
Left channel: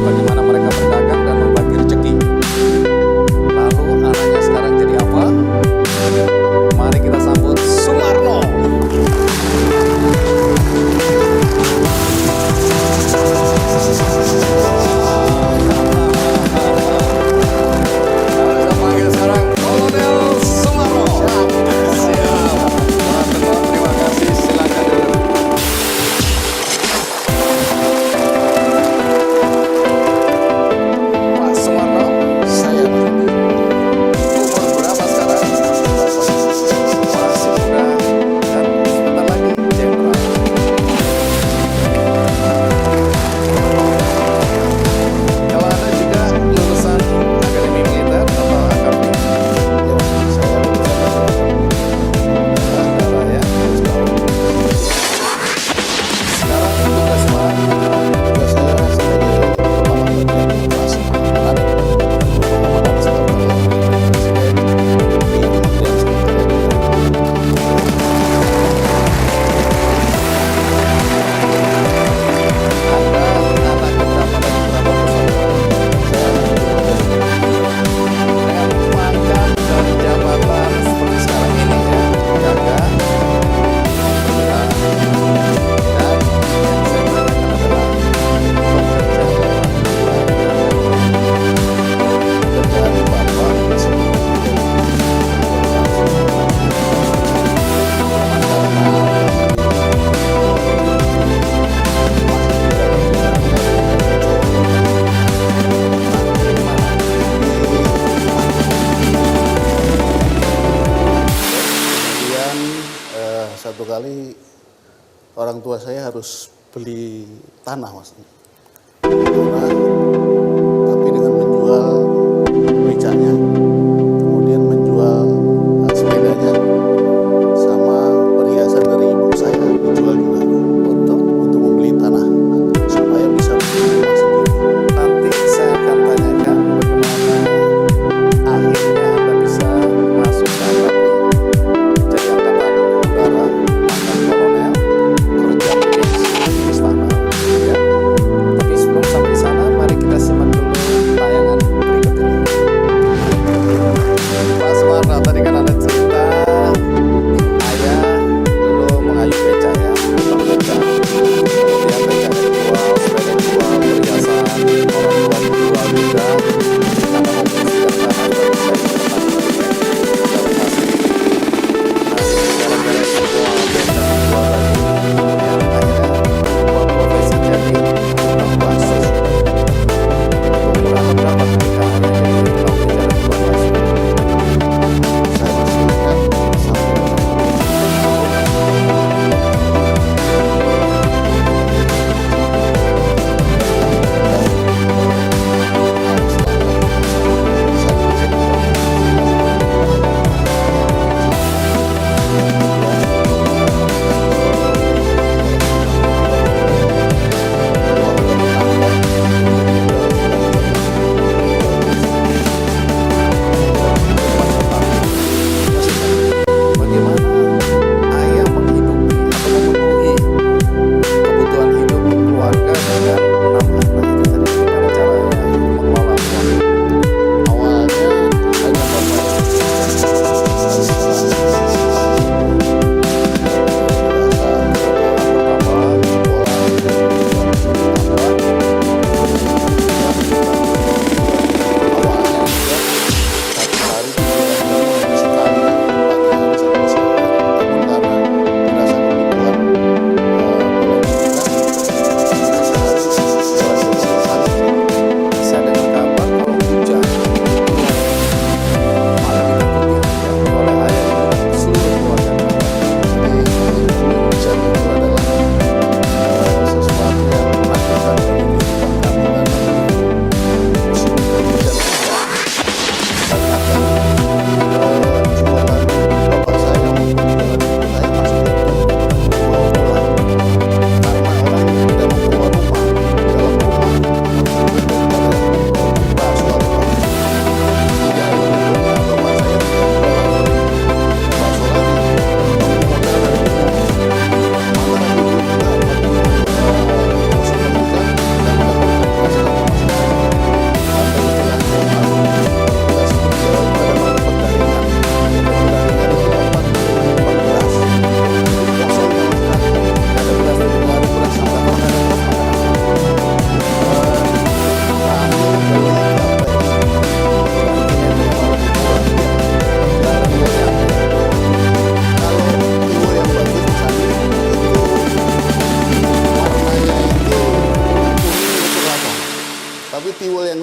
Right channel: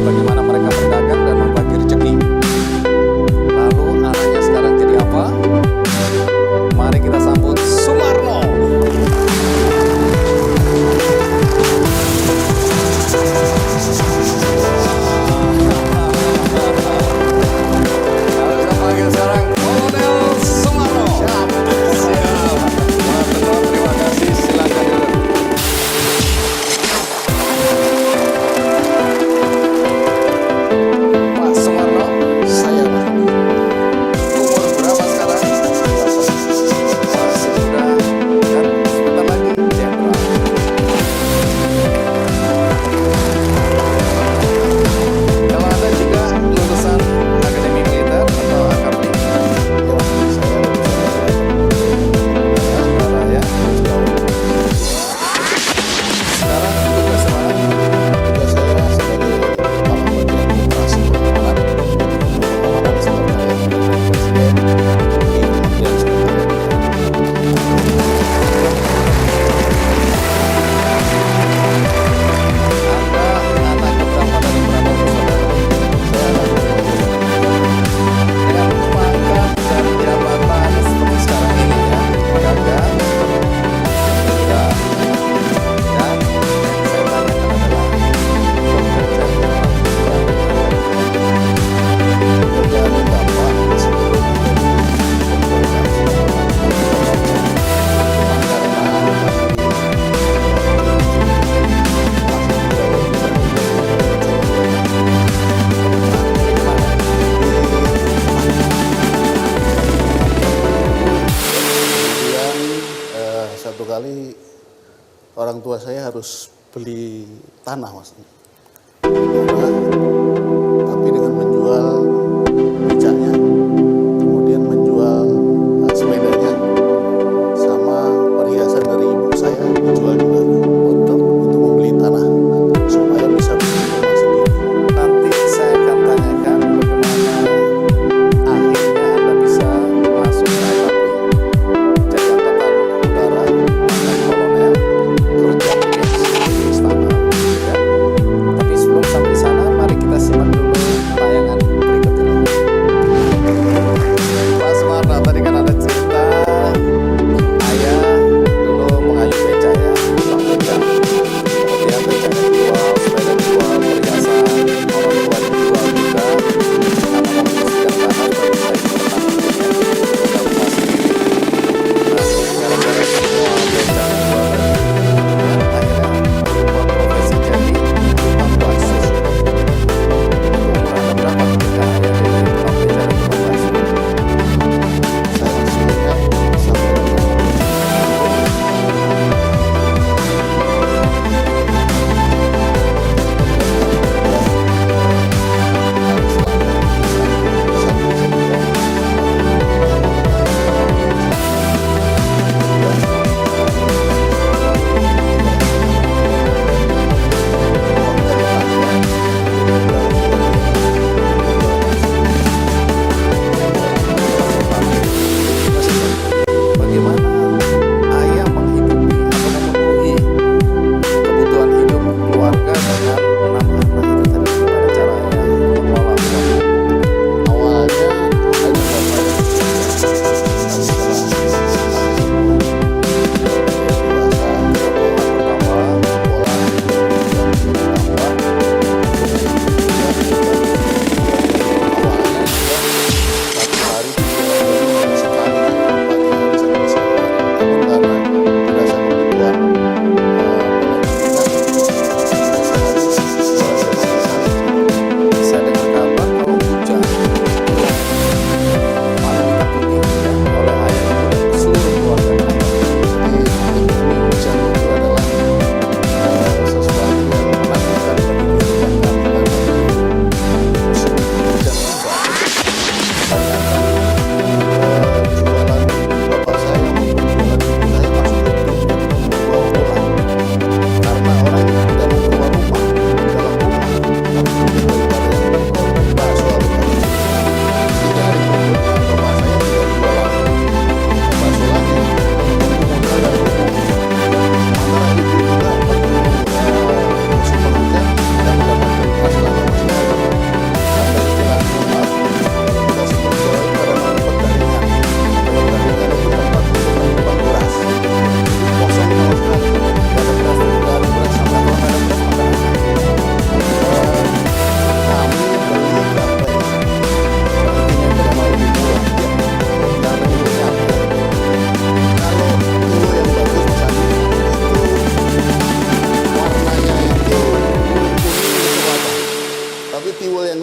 bagaimana mereka berdagang dan membagi rezeki. Lalu anaknya sekarang jadi apa? Mari kita sambut Sumarno. Kita panggil sekarang Kolonel Sumarno. Siap. Matur nuwun, terima kasih. Silakan duduk. Pak Sumarno, saya Mas. Umur berapa sekarang? 8. Masih muda dan sebentar lagi jenderal. Kalau Anda juga lulusan Akademi Militer atau AKABRI? Ya Mas, saya lulusan dari Akademi ya. Sekarang tugas mana? Tugas saya sebagai Kepala Bagian Operasi Pengamanan Sekretariat Militer Presiden di Kementerian Sekretariat Anda anak keberapa dari berapa bersaudara? Saya anak kedua. Dengan pangkat dan jabatan seperti sekarang ini ya, gagah, perwira, dan yang saya tanyakan adalah pekerjaan orang tua Anda. Pekerjaan Bapak sebelum menjadi cuma karena masih tidak bisa kemudian satu kali orang tua saya harus beli tanah Mas. Tanah, tapi dengan menjual becaknya, kemudian menjual sepedanya, sama perhiasan dari ibu saya dijual juga untuk membeli tanah supaya bisa bikin rumah sendiri. Nanti saya akan tanyakan bagaimana akhirnya Anda bisa masuk ke AKABRI, jadi angkatan udara, pangkat kolonel, kerja di istana, ya. Tapi sebelum sampai di sana,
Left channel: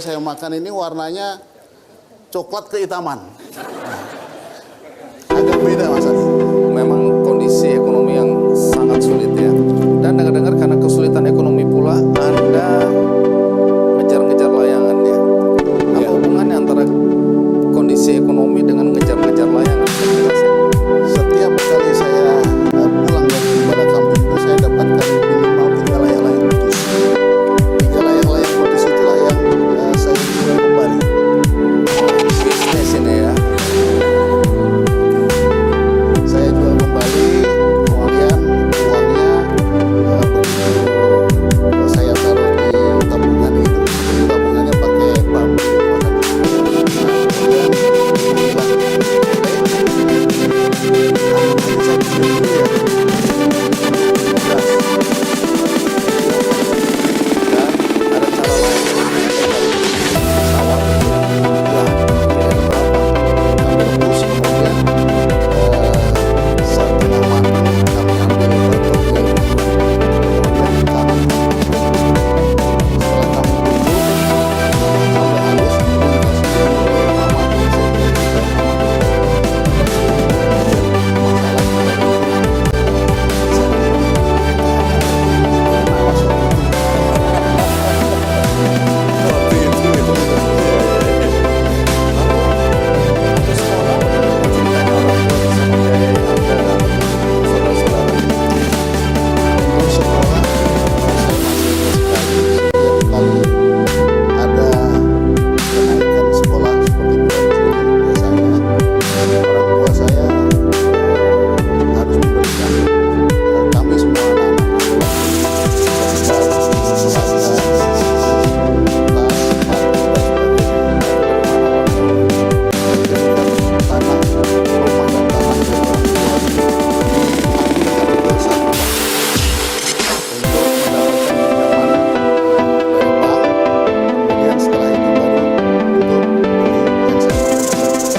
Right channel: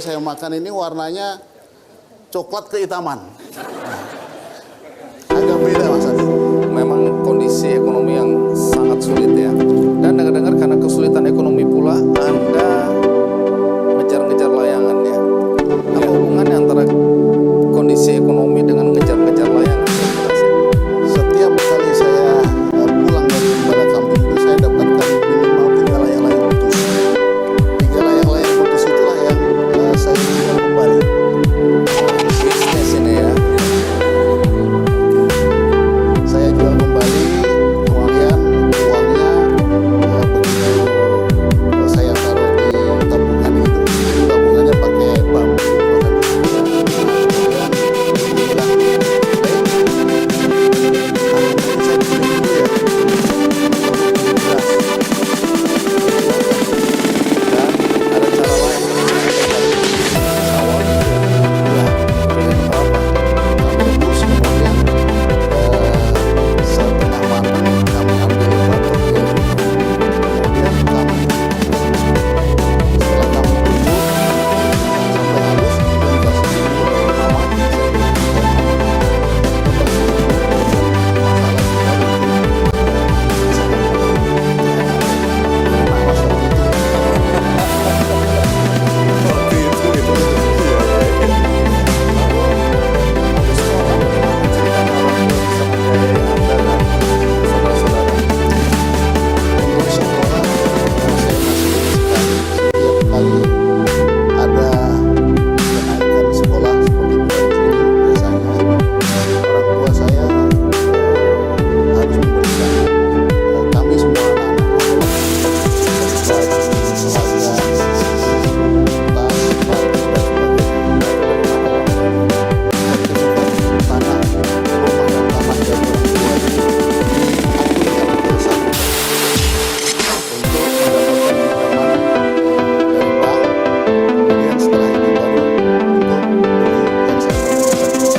saya makan ini warnanya coklat kehitaman. Agak beda Mas Adi. Memang kondisi ekonomi yang sangat sulit ya. Dan dengar-dengar karena kesulitan ekonomi pula Anda ngejar-ngejar layangan ya. Apa hubungannya antara kondisi ekonomi dengan ngejar-ngejar layangan? Setiap kali saya pulang dari Gembala Kambing itu saya dapatkan minimal 3 layang-layang putus. 3 layang-layang putus itulah yang saya jual kembali. Bisnis ini ya. Saya jual kembali, kemudian uangnya begitu saya taruh di tabungan itu. Tabungannya pakai bambu. Kemudian bilang, tabungannya saya pinjam dulu ya. Untuk beras. Dan ada cara lain sawah gitu ya. Ya, Pilih berapa? kami rebus, kemudian setengah matang kami ambil batoknya, kemudian kami setelah kami tumbuk sampai halus, kemudian kasih oleh mama, saya bilang saya mama, kemudian masalah kita itu saya enak mas waktu itu. Waktu itu. Lalu sekolah bagaimana ceritanya orang tua bisa membiayai Anda dan saudara-saudara? Untuk sekolah saya masih ingat sekali setiap kali ada kenaikan sekolah seperti bulan Juli biasanya orang tua saya harus memberikan kami semua anak-anak seperti baju, seragam, tas, sepatu dan sebagainya. Saya kirimkan tanah, rumah dan tanah dari orang tua itu diakunkan ke satu bank untuk mendapatkan pinjaman dari bank. Kemudian setelah itu baru untuk beli yang saya sampaikan tadi.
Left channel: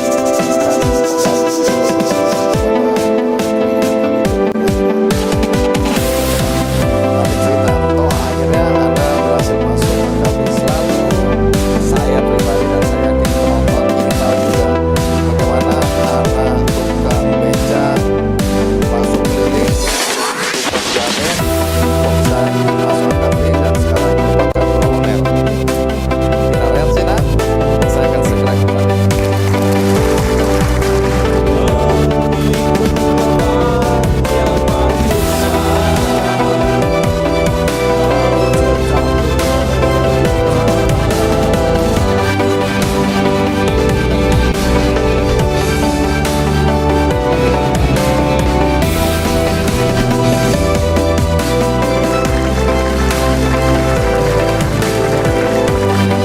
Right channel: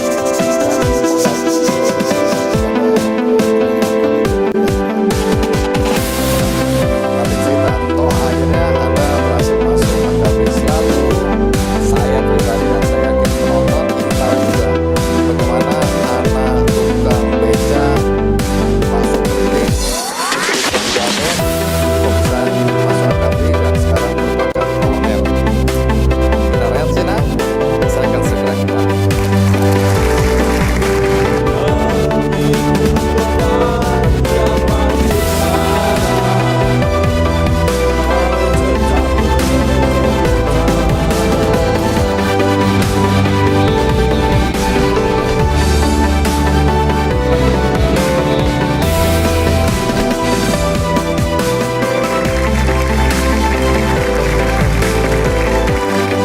Dan lagi saya kepada Nanti cerita, toh akhirnya Anda berhasil masuk Akabri. Selalu saya pribadi dan saya yakin penonton ingin tahu juga bagaimana anak tukang beca masuk keliling, tukang jamet, kok bisa masuk Akabri dan sekarang merupakan kolonel. Kita rehat Sina, saya akan segera kembali.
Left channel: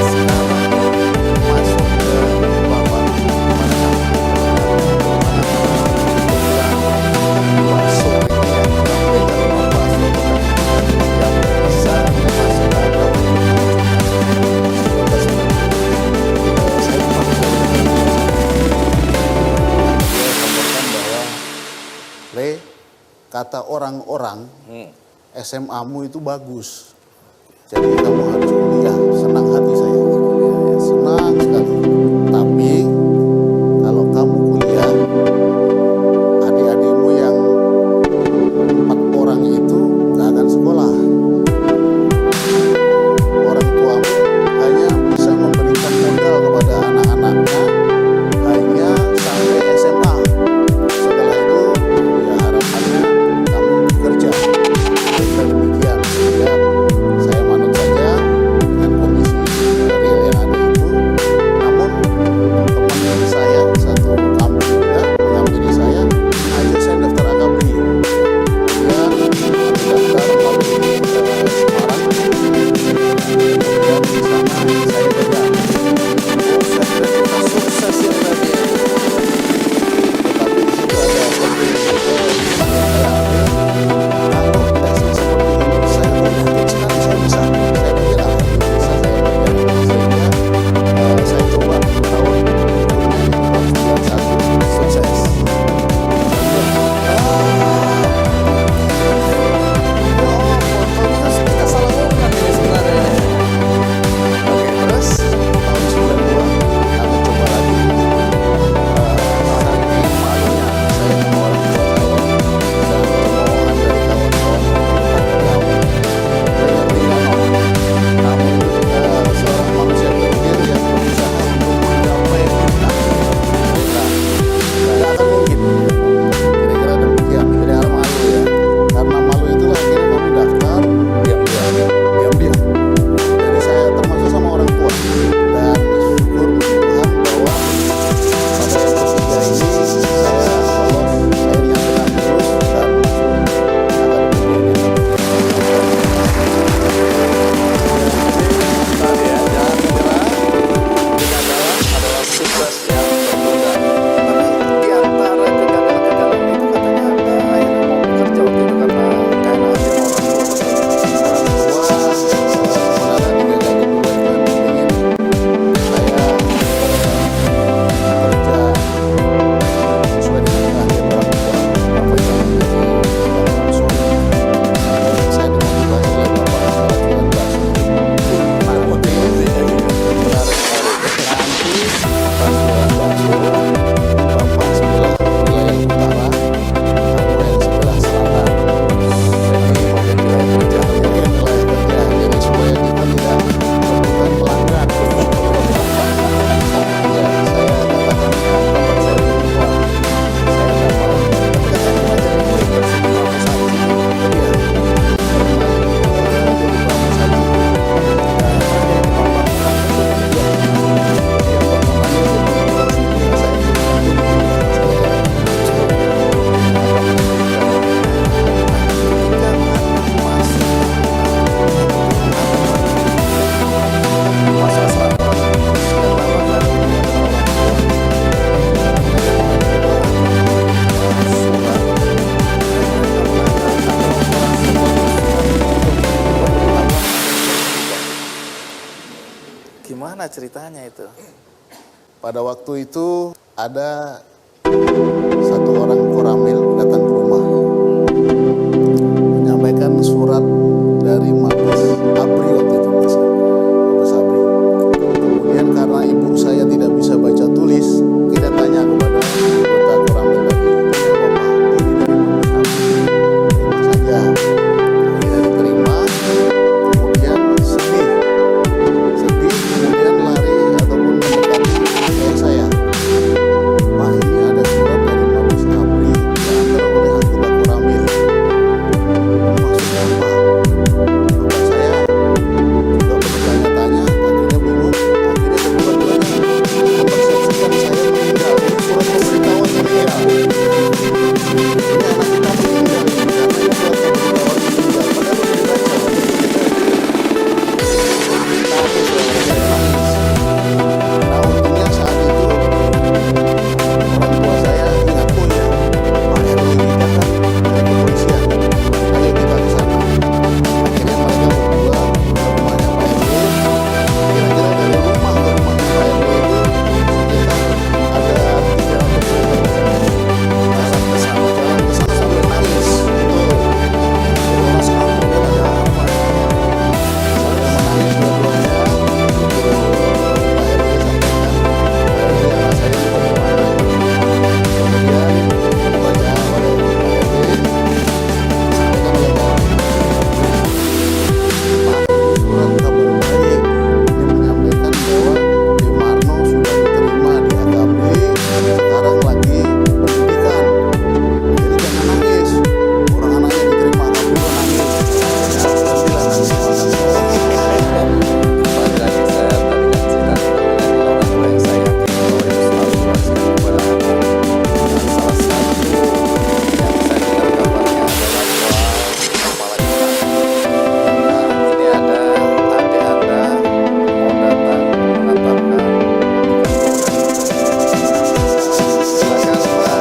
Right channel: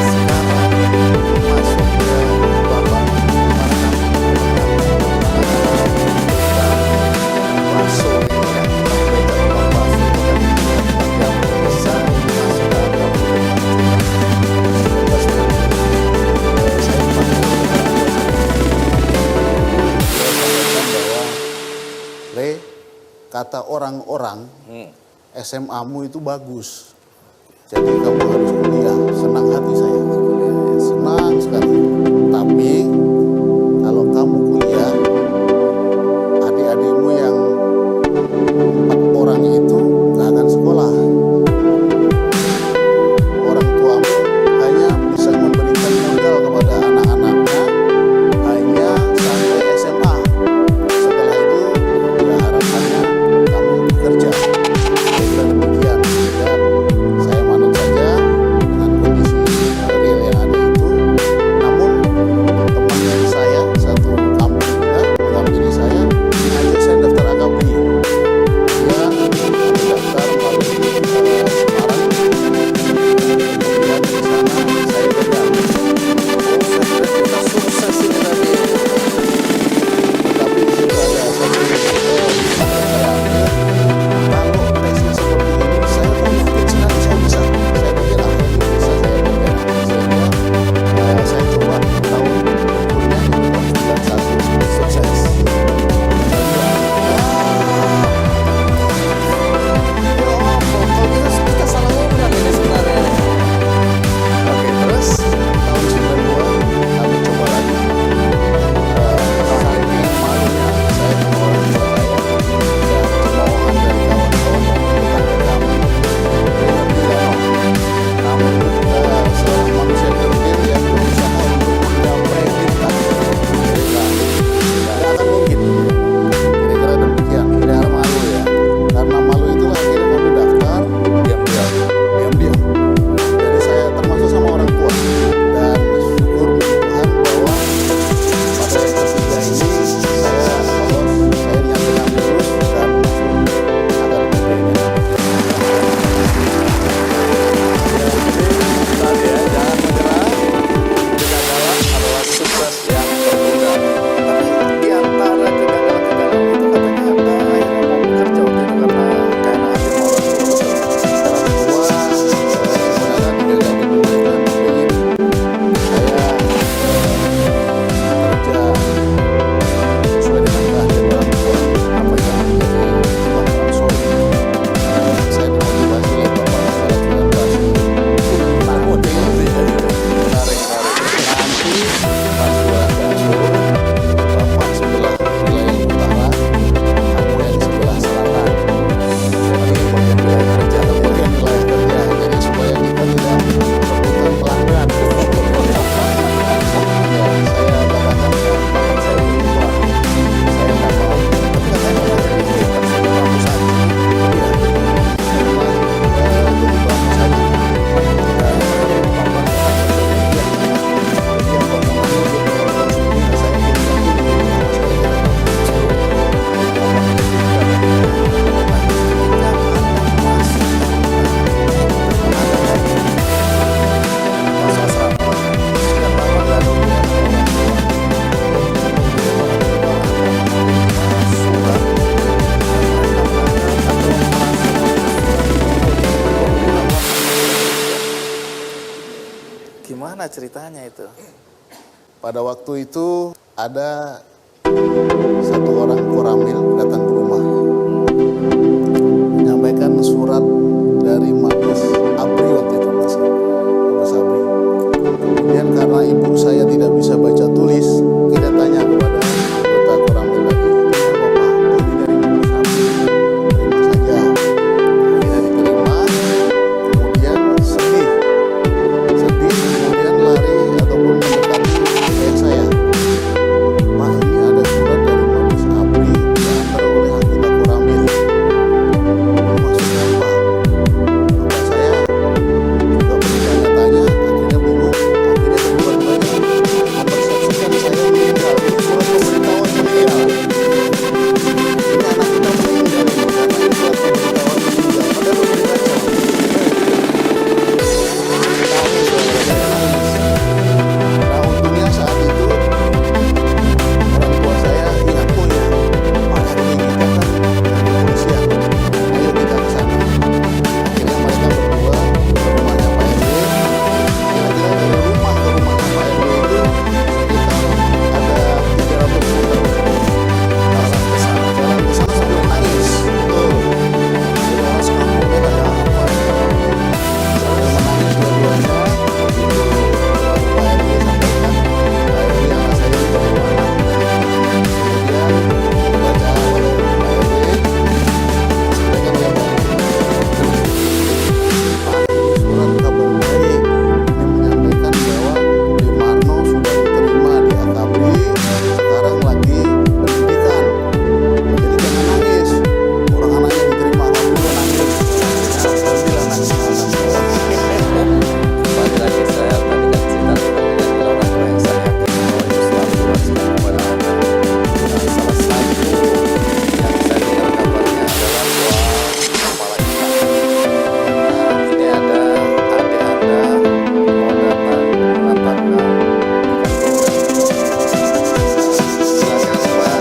Sekarang masuk ke Bapak, gimana kamu bagaimana tukang bakso ini ya, tukang beca, tukang bakso, tukang jamu bisa masuk ke Akabri. saya dipanggil oleh orang tua saya. Dia sampaikan bahwa Le, kata orang-orang SMA-mu itu bagus, jadi kamu harus kuliah. Senang hati saya, senang sekali. Tapi kalau kamu kuliah, adik-adikmu yang 4 orang itu gak akan sekolah. Orang tuamu hanya bisa memberikan modal kepada anak-anaknya hanya sampai SMA. Setelah itu ya harapannya kamu bekerja. Saya kira demikian. Ya, saya manut saja dengan kondisi Gimana ceritanya itu? Pada waktu itu ada satu orang koramil datang ke rumah, menyampaikan surat dari Mabes Abri waktu itu, Mabes Abri. Kemudian karena ibu saya tidak bisa baca tulis, kita tanya kepada anggota koramil tadi, ini apa Pak? Oh, ini dari Mabes Abri, terima saja. Kita diterima, kemudian sedih, kemudian lari ataupun mendekati ayah saya. Pak, ini ada surat dari Mabes Abri diantar oleh anggota koramil. Ini maksudnya apa? Bapak saya juga bertanya-tanya, akhirnya kedua-duanya mempersepsikan saya meninggal. Ini surat pemberitahuan meninggal. Ini anak kita meninggal ini, karena ini surat pemberitahuan meninggal. Padahal belum dibaca. Nangis, saya nangis. Nah, untungnya saat itu orang tua saya ingat, oh ya, Pak RW kita kan dari kepolisian, ayo kita ke sana. Akhirnya mereka berdua ke rumahnya Pak RW. Kira-kira dari rumah ke rumahnya Pak RW itu sekitar ada 300 meter. Jalan ke sana sambil nangis. Betul. Jadi orang sekampungnya ada apa ini? Sambil menangis dua-duanya. Pak RW sampaikan, Pak RW anak saya bagaimana? Kemudian dibaca oleh Pak RW, sampaikan oleh Pak RW. Pak, ini surat kabar baik. Ini menyampaikan bahwa Demarno sudah diterima di Akabri, sekarang lagi pendidikan. Jadi jangan nangis. Orang anaknya diterima Akabri kok nangis. Ya, berhentilah nangisnya. Kembali lagi, saya tadi kan cerita tentang nilai orang tua yang saya yakini bahwa itu selalu diwariskan kepada anak. Dan salah satu yang saya dengar kabarnya adalah soal kepala ikan. Nah, ini ada adik Anda mau datang mengantarkan ikan goreng. Silakan Pak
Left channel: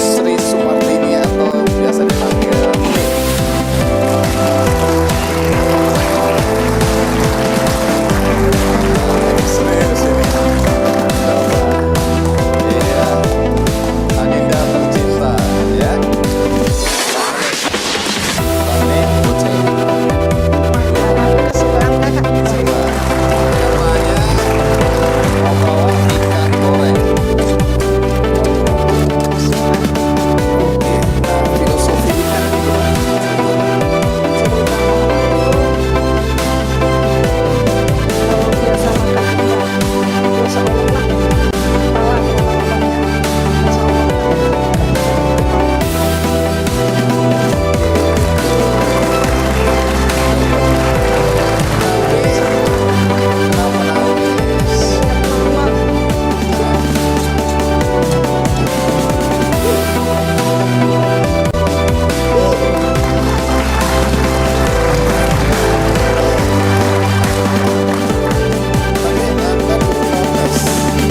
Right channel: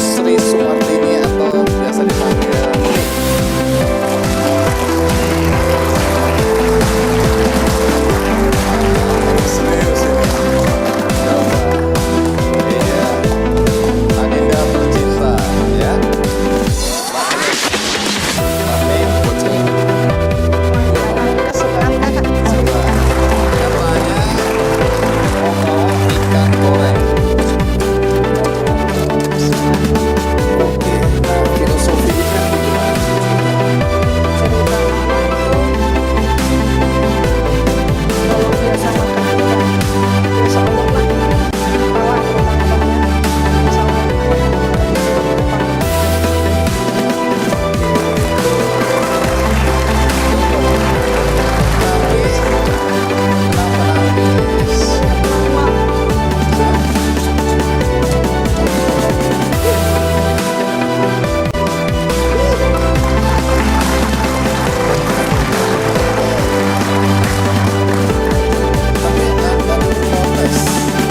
Sri Sumartini atau biasa dipanggil Nik. Serius ini. Coba. Iya. Adinda tercinta, ya. Pak Nik, buat saya. Kesukaan kakak. Coba. Katanya mau bawa ikan goreng. Oke. Nah, filosofi ikan ini gimana? Cerita mama itu kalau biasa makan ikan biasa Allah lah kepala terutama bapaknya biasa Allah makan ikan di kepala. Tapi kenapa nangis? Lama Tapi Anda dulu protes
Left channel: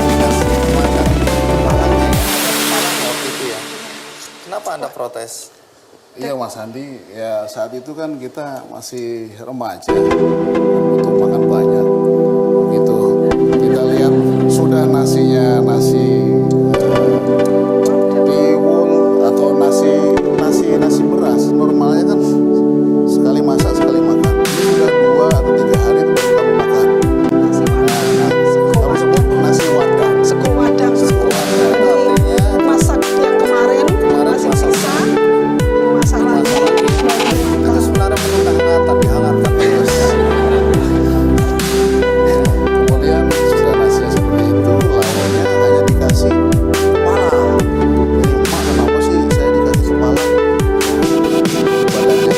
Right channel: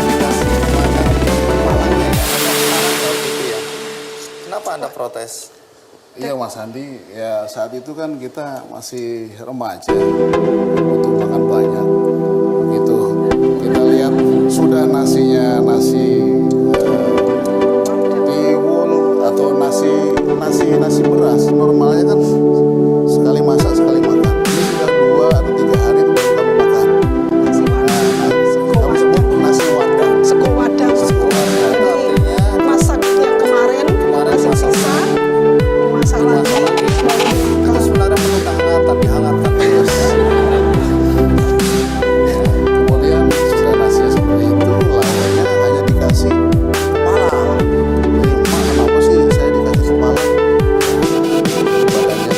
dikasih makan kepalanya ya, hanya kepalanya waktu itu ya. Kenapa Anda protes? Iya Mas Andi, ya saat itu kan kita masih remaja, butuh makan banyak. Begitu kita lihat sudah nasinya nasi tiwul atau nasi beras, normalnya kan sekali masak sekali makan. Ini sudah 2 atau 3 hari itu baru kami makan. Kami sebut nasi wadah. seko wadah Itu artinya masak yang kemarin masih masak. sisa masak lagi baru itu dimakan. sebenarnya menu kehangatan, dihangatkan terus. Kemudian sudah nasinya seperti itu, lawannya hanya dikasih kepala. Jadi emak kenapa sih saya dikasih kepala? Badannya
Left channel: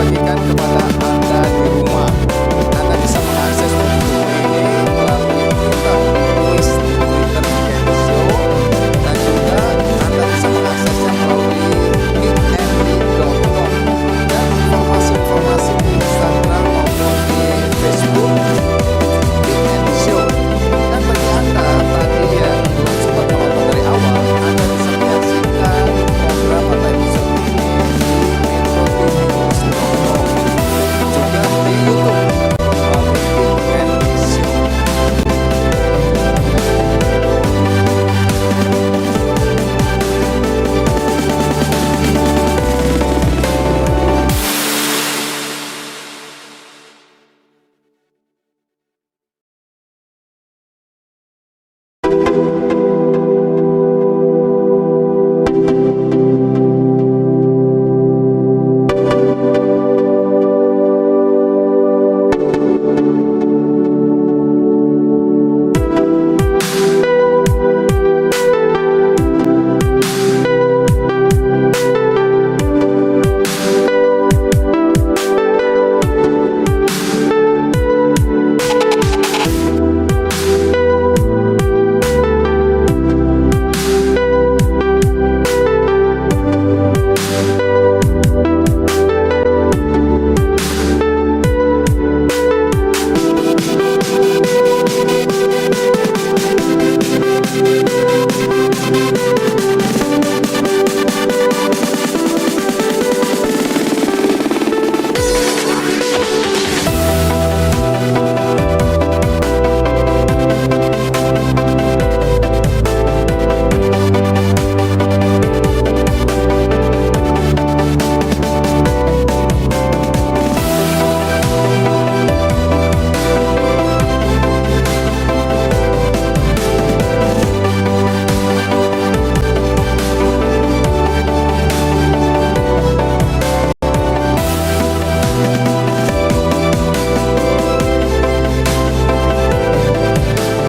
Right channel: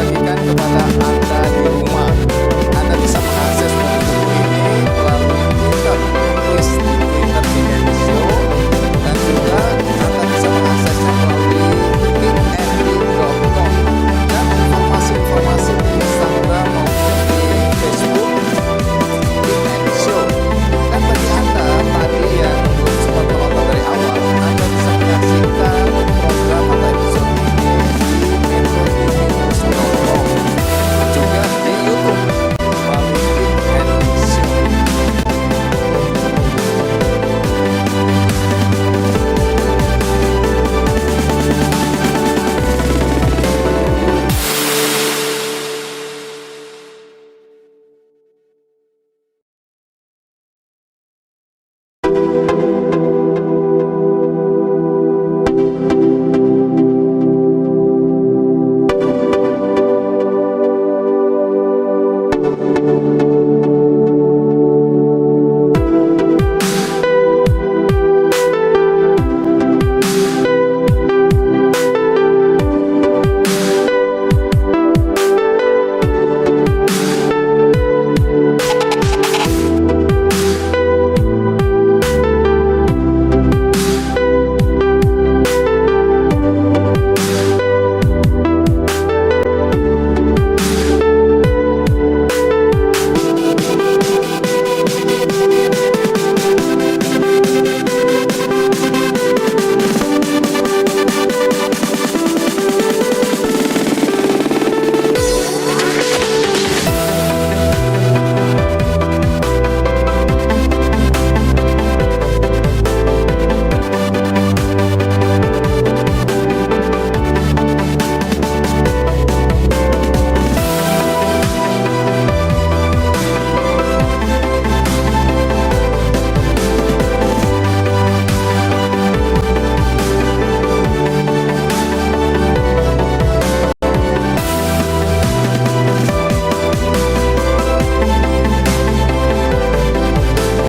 bagikan kepada